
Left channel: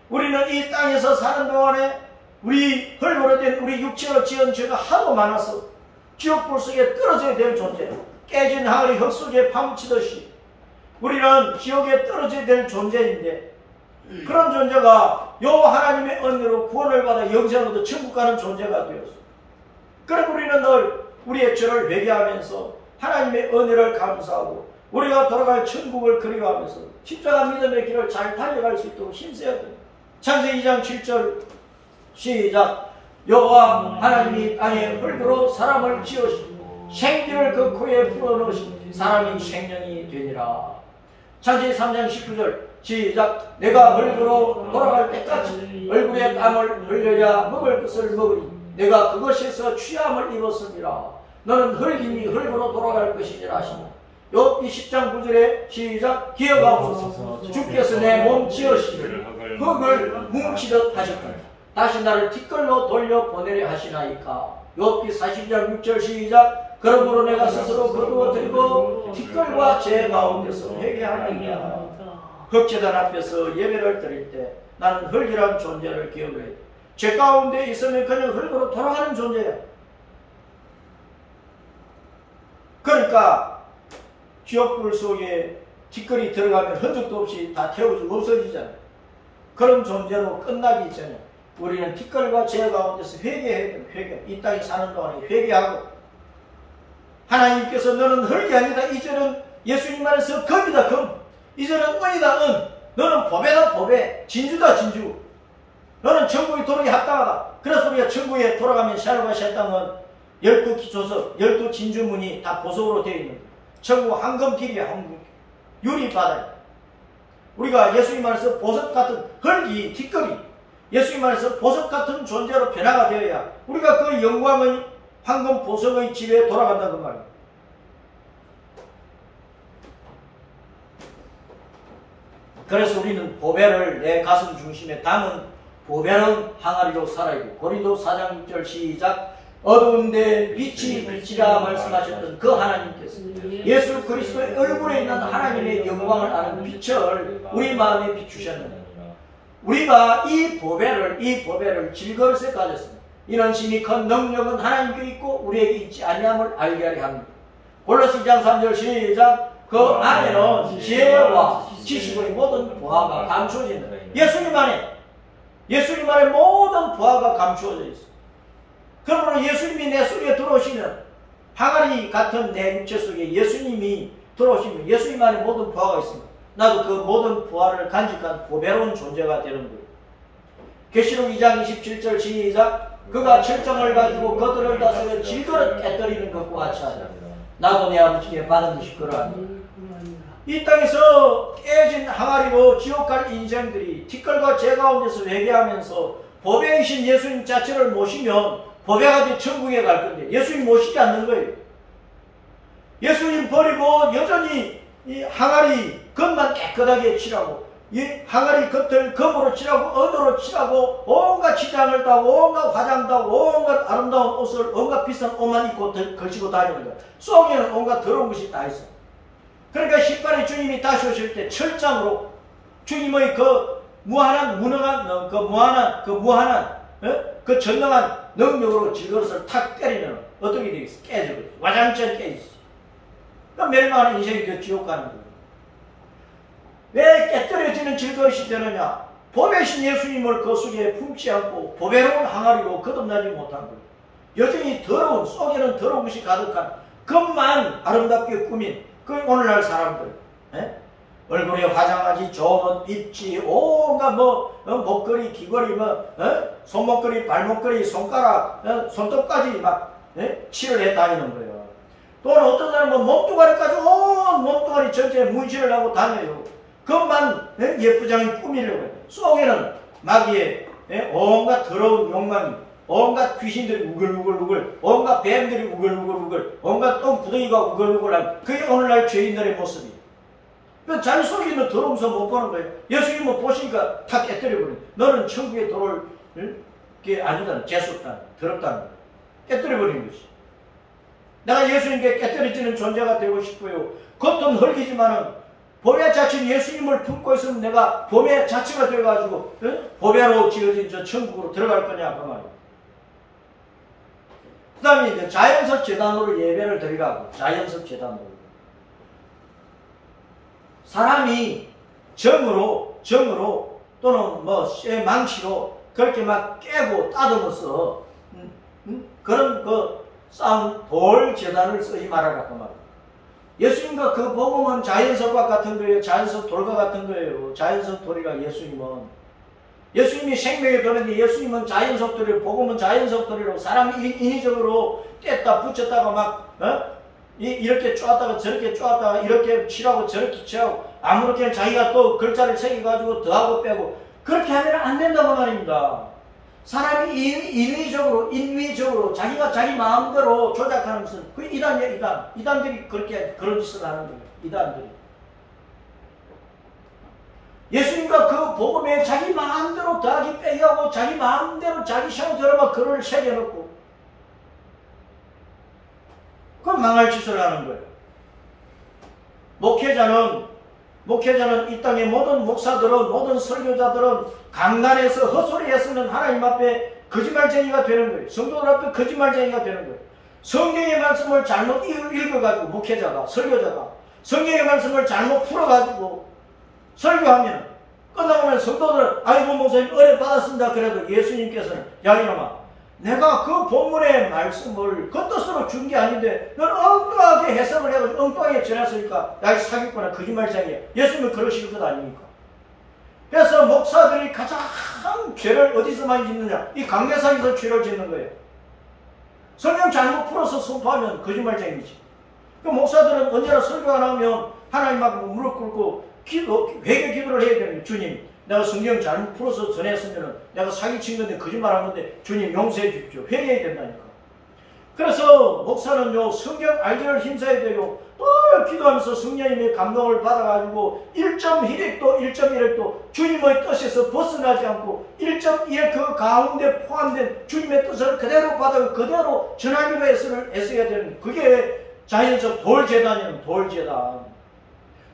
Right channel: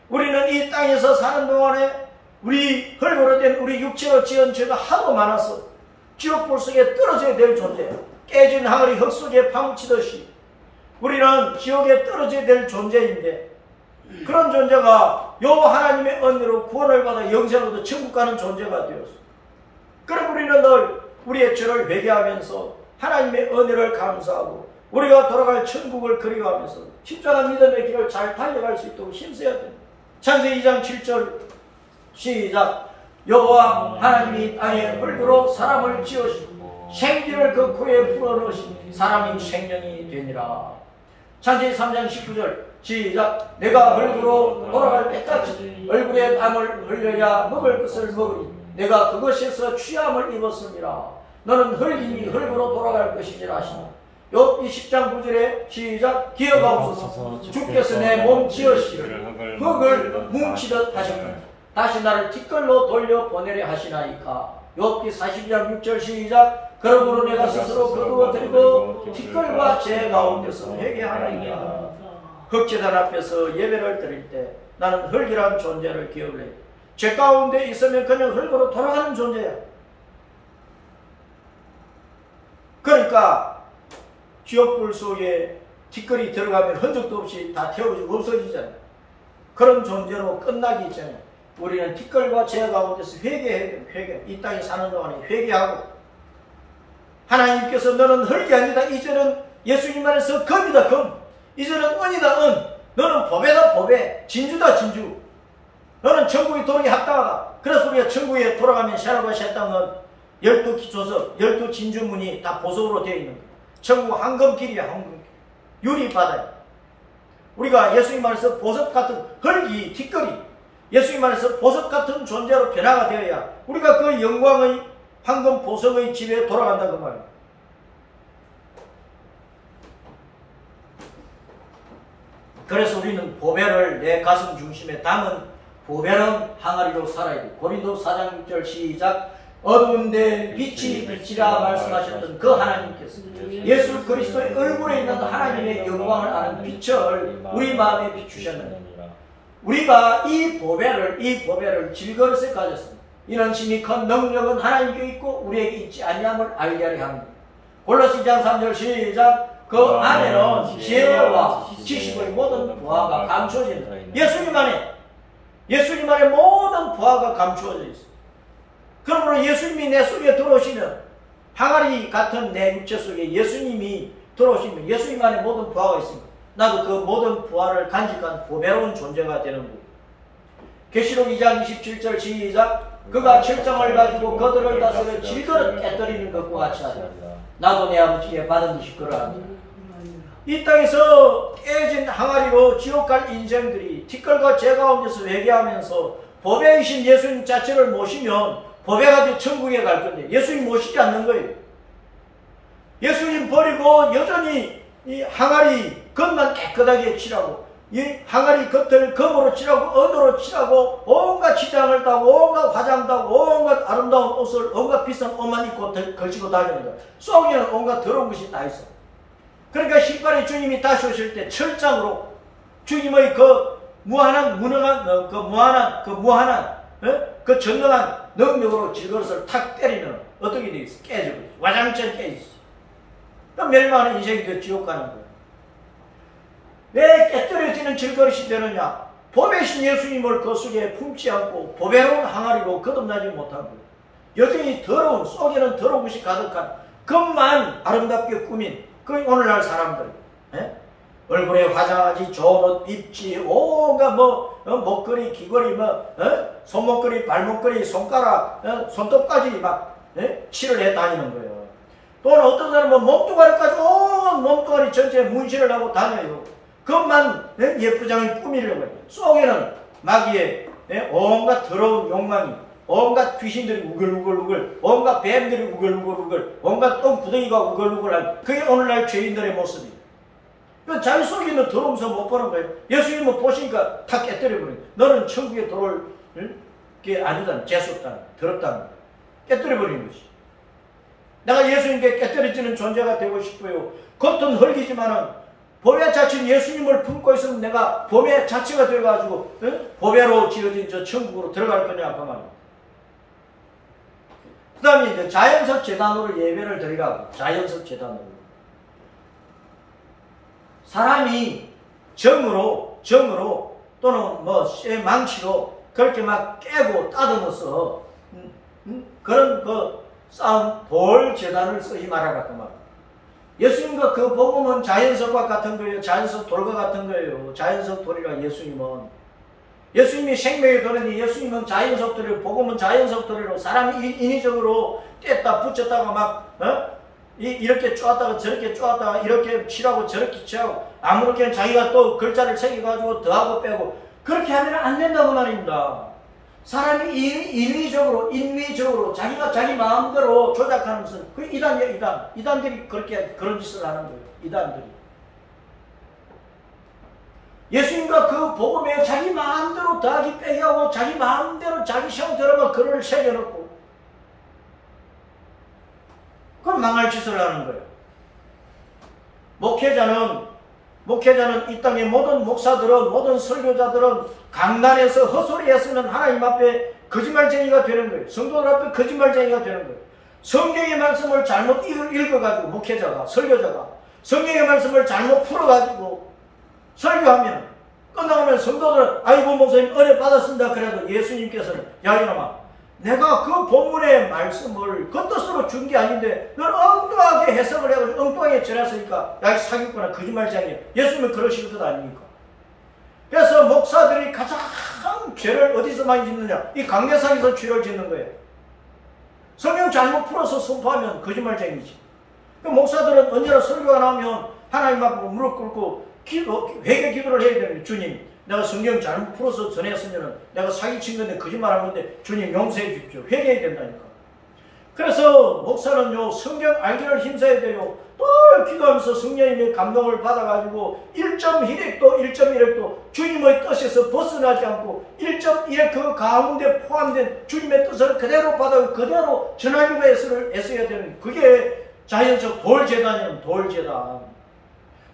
우리는 이 땅에서 사는 동안에 우리 흙으로 된 우리 육체로 지은 죄가 하도 많아서 지옥불 속에 떨어지게 될 존재, 깨진 항아리 흙 속에 파묻히듯이 우리는 지옥에 떨어지게 될 존재인데 그런 존재가 여호와 하나님의 은혜로 구원을 받아 영생으로 천국 가는 존재가 되었어. 그래서 우리는 늘 우리의 죄를 회개하면서 하나님의 은혜를 감사하고 우리가 돌아갈 천국을 그리워하면서 십자가 믿음의 길을 잘 달려갈 수 있도록 힘써야 됩니다. 창세기 2장 7절 시작. 여호와 하나님이 땅에 흙으로 사람을 지으시고 생기를 그 코에 불어넣으시니 사람이 생명이 되니라. 창세기 3장 19절 시작. 내가 흙으로 돌아갈 때까지 얼굴에 땀을 흘려야 먹을 것을 먹으니 내가 그것에서 취함을 입었습니다. 너는 흙이니 흙으로 돌아갈 것이니라 하시니 욥기 10장 9절에 시작. 기어가옵소서. 주께서 내 몸 지으시니 흙을 뭉치듯 하셨구나. 다시 나를 뒷걸로 돌려 보내려 하시나이까. 욥기 40장 6절 시작. 그러므로 내가 스스로 거두어 들고 뒷걸과 제 가운데서 회개하나이까. 흙재단 앞에서 예배를 드릴 때 나는 흙이란 존재를 기억을 해야 돼. 죄 가운데 있으면 그냥 흙으로 돌아가는 존재야. 그러니까 지옥불 속에 뒷걸이 들어가면 흔적도 없이 다 태워지고 없어지잖아요. 그런 존재로 끝나기 전에 우리는 뒷걸과 죄 가운데서 회개해야 돼요. 회개. 이 땅에 사는 동안에 회개하고 하나님께서 너는 흙이 아니다. 이제는 예수님 안에서 금이다. 금. 이제는 은이다. 은. 너는 보배다. 보배. 진주다. 진주. 너는 천국에 도록이 합당하다. 그래서 우리가 천국에 돌아가면 샤르과 샤땅은 12기초석, 12진주문이 다 보석으로 되어 있는 거예요. 천국 황금길이야. 황금길. 유리바다야. 우리가 예수님 안에서 보석 같은 흙이 뒷걸이 예수님 안에서 보석 같은 존재로 변화가 되어야 우리가 그 영광의 황금 보석의 집에 돌아간다 그 말이에요. 그래서 우리는 보배를 내 가슴 중심에 담은 보배로운 항아리로 살아야 돼. 고린도 4장 6절 시작. 어두운데 빛이 빛이라 말씀하셨던 그 하나님께서 예수 그리스도의 얼굴에 있는 하나님의 영광을 아는 빛을 우리 마음에 비추셨는데 우리가 이 보배를 질그릇에 가졌습니다. 이는 심히 큰 능력은 하나님께 있고 우리에게 있지 아니함을 알게 하려 합니다. 골로새 2장 3절 시작. 그 안에는 지혜와 지식의 모든 부하가 감추어진다. 예수님 안에 모든 부하가 감추어져 있습니다. 그러므로 예수님이 내 속에 들어오시면 항아리 같은 내 육체 속에 예수님이 들어오시면 예수님 안에 모든 부하가 있습니다. 나도 그 모든 부하를 간직한 보배로운 존재가 되는 거예요. 계시록 2장 27절 시작. 그가 철장을 가지고 그들을 다스려 질그릇 깨뜨리는 것과 같이 하리라. 나도 내 아버지께 받은 듯이 그러하니라. 이 땅에서 깨진 항아리로 지옥 갈 인생들이 티끌과 재 가운데서 회개하면서 보배이신 예수님 자체를 모시면 보배가 돼 천국에 갈 건데 예수님 모시지 않는 거예요. 예수님 버리고 여전히 이 항아리 겉만 깨끗하게 칠하고 이 항아리 겉을 금으로 칠하고 은으로 칠하고 온갖 치장을 따고 온갖 화장 따고 온갖 아름다운 옷을 온갖 비싼 옷만 입고 걸치고 다니는 거예요. 속에는 온갖 더러운 것이 다 있어요. 그러니까 신발에 주님이 다시 오실 때 철장으로 주님의 그 무한한 그 전능한 능력으로 질그릇을 탁 때리면 어떻게 되겠어? 깨져버려. 와장창 깨지지. 그럼 멸망하는 인생이 그 지옥 가는 거예요. 왜 깨뜨려지는 질그릇이 되느냐? 보배신 예수님을 그 속에 품지 않고 보배로운 항아리로 거듭나지 못한 거예요. 여전히 더러운, 속에는 더러운 것이 가득한 겉만 아름답게 꾸민 그 오늘날 사람들, 얼굴에 화장하지, 좋은 옷 입지, 온갖 목걸이, 귀걸이, 손목걸이, 발목걸이, 손가락, 손톱까지 막 칠을 해 다니는 거예요. 또는 어떤 사람은 몸뚱아리까지 온 몸뚱아리 전체에 문신을 하고 다녀요. 그것만 예쁘장하게 꾸미려고 해요. 속에는 마귀의 온갖 더러운 욕망이, 온갖 귀신들이 우글우글우글, 온갖 뱀들이 우글우글우글, 온갖 똥구덩이가 우글우글한 그게 오늘날 죄인들의 모습이에요. 자기 속에 있는 더러움서 못 보는 거예요. 예수님은 보시니까 다 깨뜨려버려요. 너는 천국에 들어올 게 아니다는, 재수없다는, 더럽다는 거예요. 깨뜨려버리는 것이. 내가 예수님께 깨뜨려지는 존재가 되고 싶어요. 겉은 흙이지만은 보배 자체는 예수님을 품고 있으면 내가 보배 자체가 되어가지고 보배로 지어진 저 천국으로 들어갈 거냐 그 말이에요. 그 다음에 이제 자연석 제단으로 예배를 드리라고. 자연석 제단으로. 사람이 정으로 또는 쇠 망치로 그렇게 막 깨고 따듬어서 그런 그 쌓은 돌 제단을 쓰지 말아라 그 말이에요. 예수님과 그 복음은 자연석과 같은 거예요. 자연석 돌과 같은 거예요. 자연석 돌이라 예수님이 생명의 그런데 예수님은 자연석 돌이로, 복음은 자연석 돌이로 사람이 인위적으로 뗐다 붙였다가 막 이렇게 쪼았다가 저렇게 쪼았다가 이렇게 칠하고 저렇게 칠하고 아무렇게나 자기가 또 글자를 새겨가지고 더하고 빼고 그렇게 하면 안 된다고 말입니다. 사람이 인위적으로 자기가 자기 마음대로 조작하는 것은 그 이단이야. 이단들이 그런 짓을 하는 거예요. 이단들이. 예수님과 그 복음에 자기 마음대로 더하기 빼기 하고 자기 마음대로 자기 형태로만 글을 새겨놓고 그건 망할 짓을 하는 거예요. 목회자는 이 땅의 모든 목사들은, 모든 설교자들은 강단에서 헛소리했으면 하나님 앞에 거짓말쟁이가 되는 거예요. 성도들 앞에 거짓말쟁이가 되는 거예요. 성경의 말씀을 잘못 읽어가지고 목회자가, 설교자가 성경의 말씀을 잘못 풀어가지고 설교하면 끝나면 성도들은 아이고 목사님 은혜 받았습니다. 그래도 예수님께서는 야 이놈아, 내가 그 본문의 말씀을 그 뜻으로 준 게 아닌데 넌 엉뚱하게 해석을 해가지고 엉뚱하게 전했으니까 야 이 사기꾼아 거짓말쟁이야. 예수님은 그러실 것 아닙니까? 그래서 목사들이 가장 죄를 어디서 많이 짓느냐? 이 강대상에서 죄를 짓는 거예요. 성경 잘못 풀어서 선포하면 거짓말쟁이지. 그 목사들은 언제나 설교가 나오면 하나님 앞에 무릎 꿇고 회개 기도를 해야 되는 거예요. 주님, 내가 성경 잘못 풀어서 전했으면 내가 사기친 건데 거짓말한 건데 주님 용서해 주십시오. 회개해야 된다니까. 그래서 목사는요, 성경 알기를 힘써야 돼요. 또 기도하면서 성령님의 감동을 받아가지고 1.1핵도 1.1핵도 주님의 뜻에서 벗어나지 않고 1.1핵 그 가운데 포함된 주님의 뜻을 그대로 받아 그대로 전하기 위해서를 애써야 되는, 그게 자연적 돌재단이면 돌재단.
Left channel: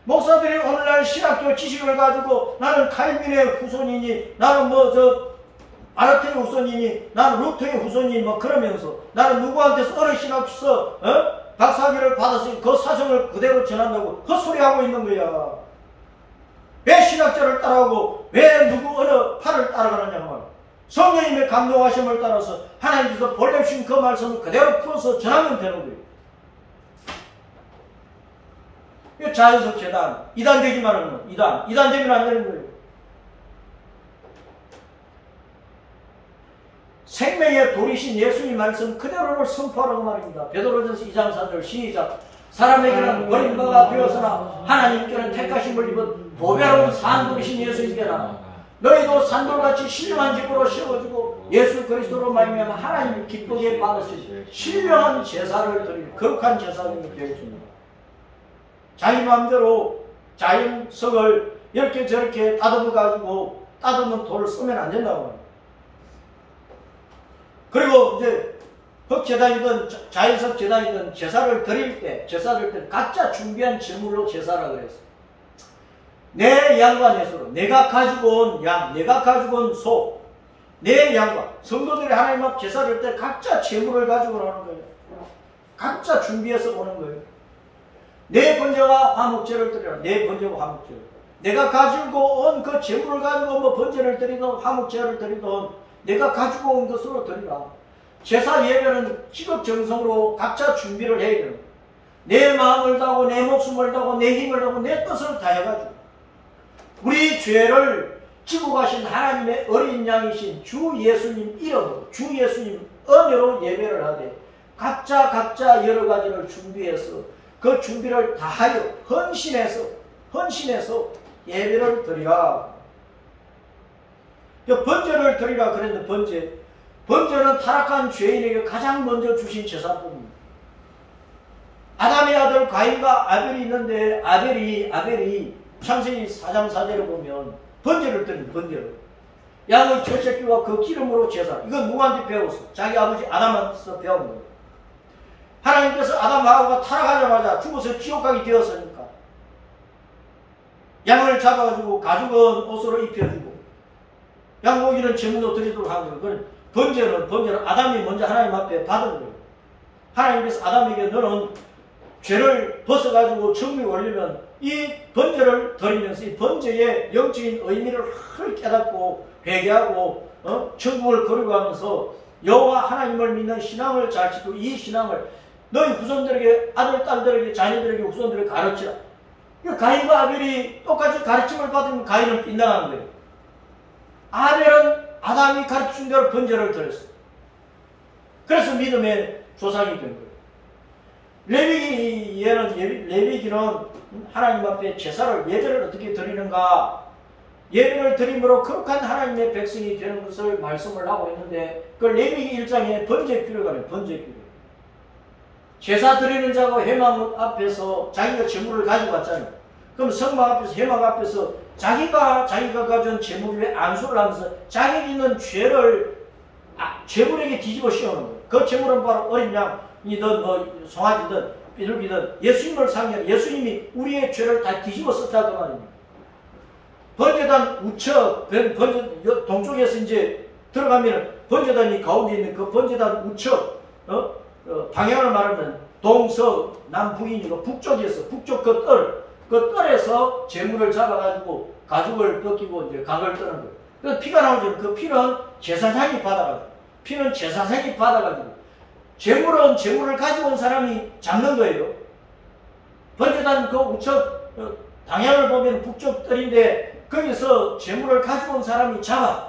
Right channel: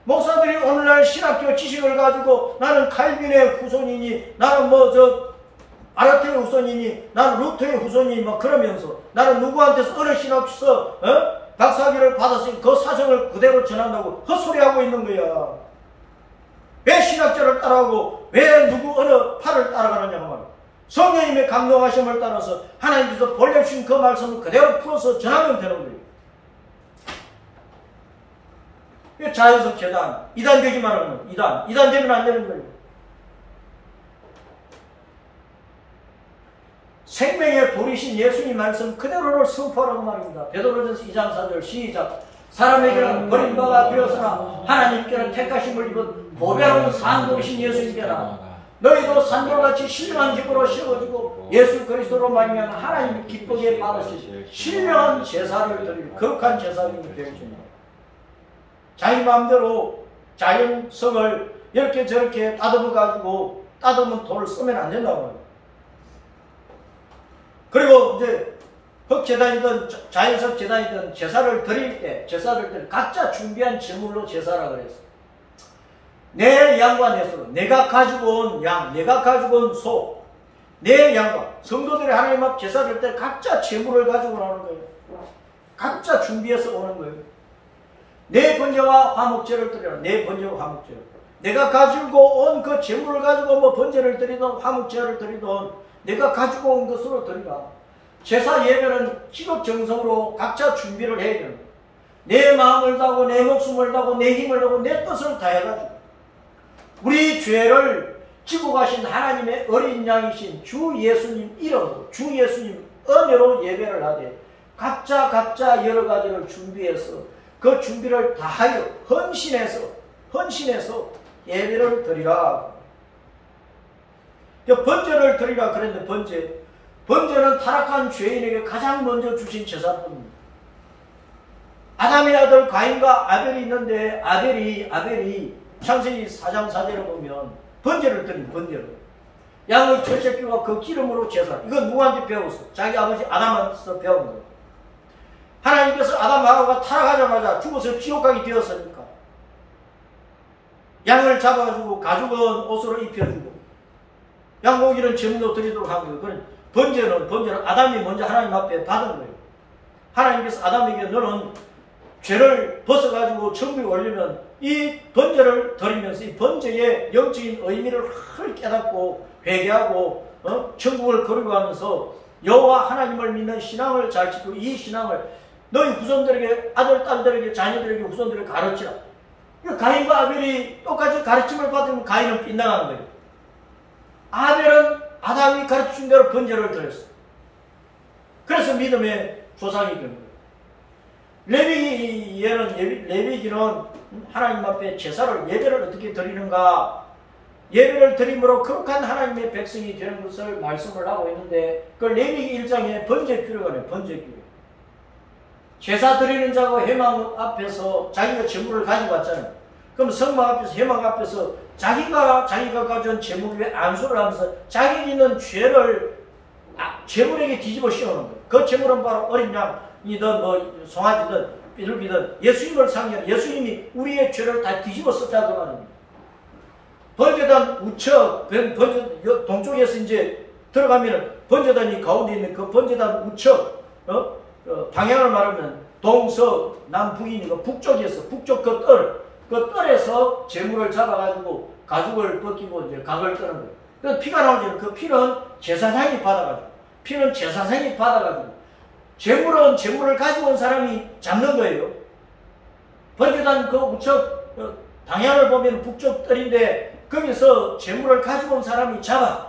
목사들이 오늘날 신학교 지식을 가지고 나는 칼빈의 후손이니, 나는 아르테의 후손이니, 나는 루터의 후손이니 막 그러면서 나는 누구한테서 어느 신학에서 박사학위를 받았으니 그 사성을 그대로 전한다고 헛소리하고 있는 거야. 왜 신학자를 따라오고 왜 누구 어느 파를 따라가느냐고 말이야. 성령님의 감동하심을 따라서 하나님께서 보내주신 그 말씀을 그대로 풀어서 전하면 되는 거예요. 자연석 재단, 이단되기만 하면 이단되면 안 되는 거예요. 생명의 돌이신 예수님 말씀 그대로를 선포하라고 말입니다. 베드로전서 2장 4절 시작. 사람에게는 버림바가 되었으나 하나님께는 택하심을 입은 보배로운 산돌이신 예수님께나 너희도 산돌같이 신령한 집으로 세워지고 예수 그리스도로 말미암아 하나님이 기쁘게 받으실 신령한 제사를 드릴 거룩한 제사님이 되어줍니다. 자기 마음대로 자연석을 이렇게 저렇게 따듬어가지고 따듬은 돌을 쓰면 안 된다고 합니다. 그리고 이제 흑재단이든 자연석 재단이든 제사를 드릴 때 각자 준비한 제물로 제사라고 그랬어요. 내 양과 내 소로, 내가 가지고 온 양, 내가 가지고 온 소, 내 양과, 성도들이 하나님 앞 제사를 할 때 각자 제물을 가지고 오는 거예요. 각자 준비해서 오는 거예요. 내 번제와 화목제를 드려라. 내 번제와 화목제를. 내가 가지고 온 그 제물을 가지고 번제를 드리든 화목제를 드리든 내가 가지고 온 것으로 드리라. 제사 예배는 지극정성으로 각자 준비를 해야 되는 거예요. 내 마음을 다하고 내 목숨을 다하고 내 힘을 다하고 내 뜻을 다해가지고 우리 죄를 지고 가신 하나님의 어린 양이신 주 예수님 이름으로 주 예수님 은혜로 예배를 하되 각자 여러 가지를 준비해서 그 준비를 다하여 헌신해서 예배를 드리라. 번제를 드리라 그랬는데 번제는 타락한 죄인에게 가장 먼저 주신 제사법입니다. 아담의 아들 가인과 아벨이 있는데 아벨이 창세기 4장 4절에 보면 번제를 드린 번제를 양의 채찍기와 그 기름으로 제사. 이건 누구한테 배웠어? 자기 아버지 아담한테서 배운 거예요. 하나님께서 아담하고가 타락하자마자 죽어서 지옥 가게 되었으니까 양을 잡아가지고 가죽은 옷으로 입혀주고 양고기는 제물로 드리도록 한 거예요. 그런 번제는 아담이 먼저 하나님 앞에 받은 거예요. 하나님께서 아담에게 너는 죄를 벗어가지고 천국에 올리면 이 번제를 드리면서 이 번제의 영적인 의미를 깨닫고 회개하고 천국을 거룩하면서 여호와 하나님을 믿는 신앙을 잘 지키고 이 신앙을 너희 후손들에게 아들, 딸들에게 자녀들에게 후손들에게 가르치라. 가인과 아벨이 똑같이 가르침을 받으면 가인은 빗나간 거예요. 아벨은 아담이 가르친 대로 번제를 드렸어요. 그래서 믿음의 조상이 된 거예요. 레위기는 하나님 앞에 제사를 예배를 어떻게 드리는가, 예배를 드림으로 거룩한 하나님의 백성이 되는 것을 말씀을 하고 있는데 그 레위기 1장에 번제규례가 있네요. 번제규례. 제사 드리는 자가 회막 앞에서 자기가 제물을 가지고 왔잖아요. 그럼 성막 앞에서 회막 앞에서 자기가 가져온 제물을 왜 안수를 하면서 자기 있는 죄를 제물에게 뒤집어 씌우는 거예요. 그 제물은 바로 어린 양이든 송아지든 비둘기든 예수님을 상징하는 예수님이 우리의 죄를 다 뒤집어 썼다 그 말입니다. 번제단 우측, 동쪽에서 이제 들어가면 번제단이 가운데 있는 그 번제단 우측, 방향을 말하면 동서, 남북이니까 북쪽에서, 북쪽 그 뜰에서 제물을 잡아가지고 가죽을 벗기고 이제 각을 뜨는 거예요. 그래서 피가 나오죠. 그 피는 제사장이 받아가지고, 제물은 제물을 가지고 온 사람이 잡는 거예요. 번제단 그 우측 방향을 보면 북쪽 뜰인데 거기서 제물을 가지고 온 사람이 잡아.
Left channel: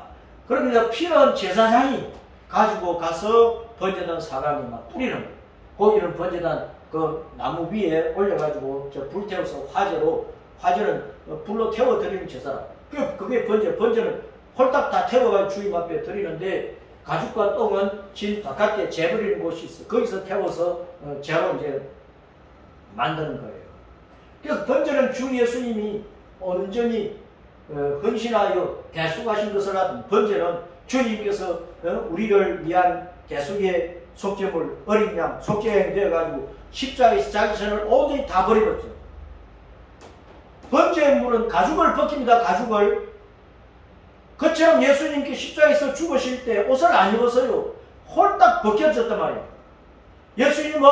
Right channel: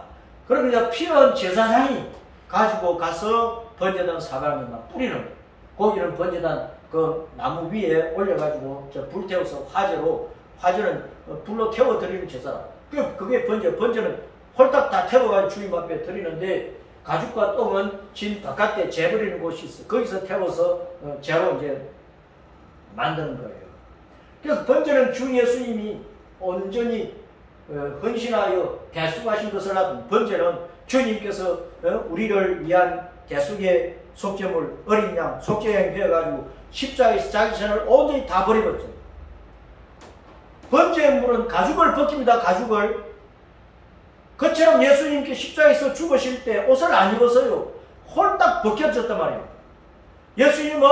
그러면 이제 피는 제사장이 가지고 가서 번제단 사방에 막 뿌리는 거예요. 고기는 번제단 그 나무 위에 올려가지고 불 태워서 화제는 불로 태워 드리는 제사라. 그게 번제는 홀딱 다 태워가지고 주님 앞에 드리는데 가죽과 똥은 질 바깥에 재버리는 곳이 있어요. 거기서 태워서 재로 이제 만드는 거예요. 그래서 번제는 주 예수님이 온전히 헌신하여 대속하신 것을 하든, 번제는 주님께서 우리를 위한 대속의 속죄물 어린 양 속죄양이 되어가지고 십자가에서 자기身을 온전히 다 버려버렸죠. 번제의 물은 가죽을 벗깁니다. 가죽을. 그처럼 예수님께 십자가에서 죽으실 때 옷을 안 입었어요. 홀딱 벗겨졌단 말이에요. 예수님은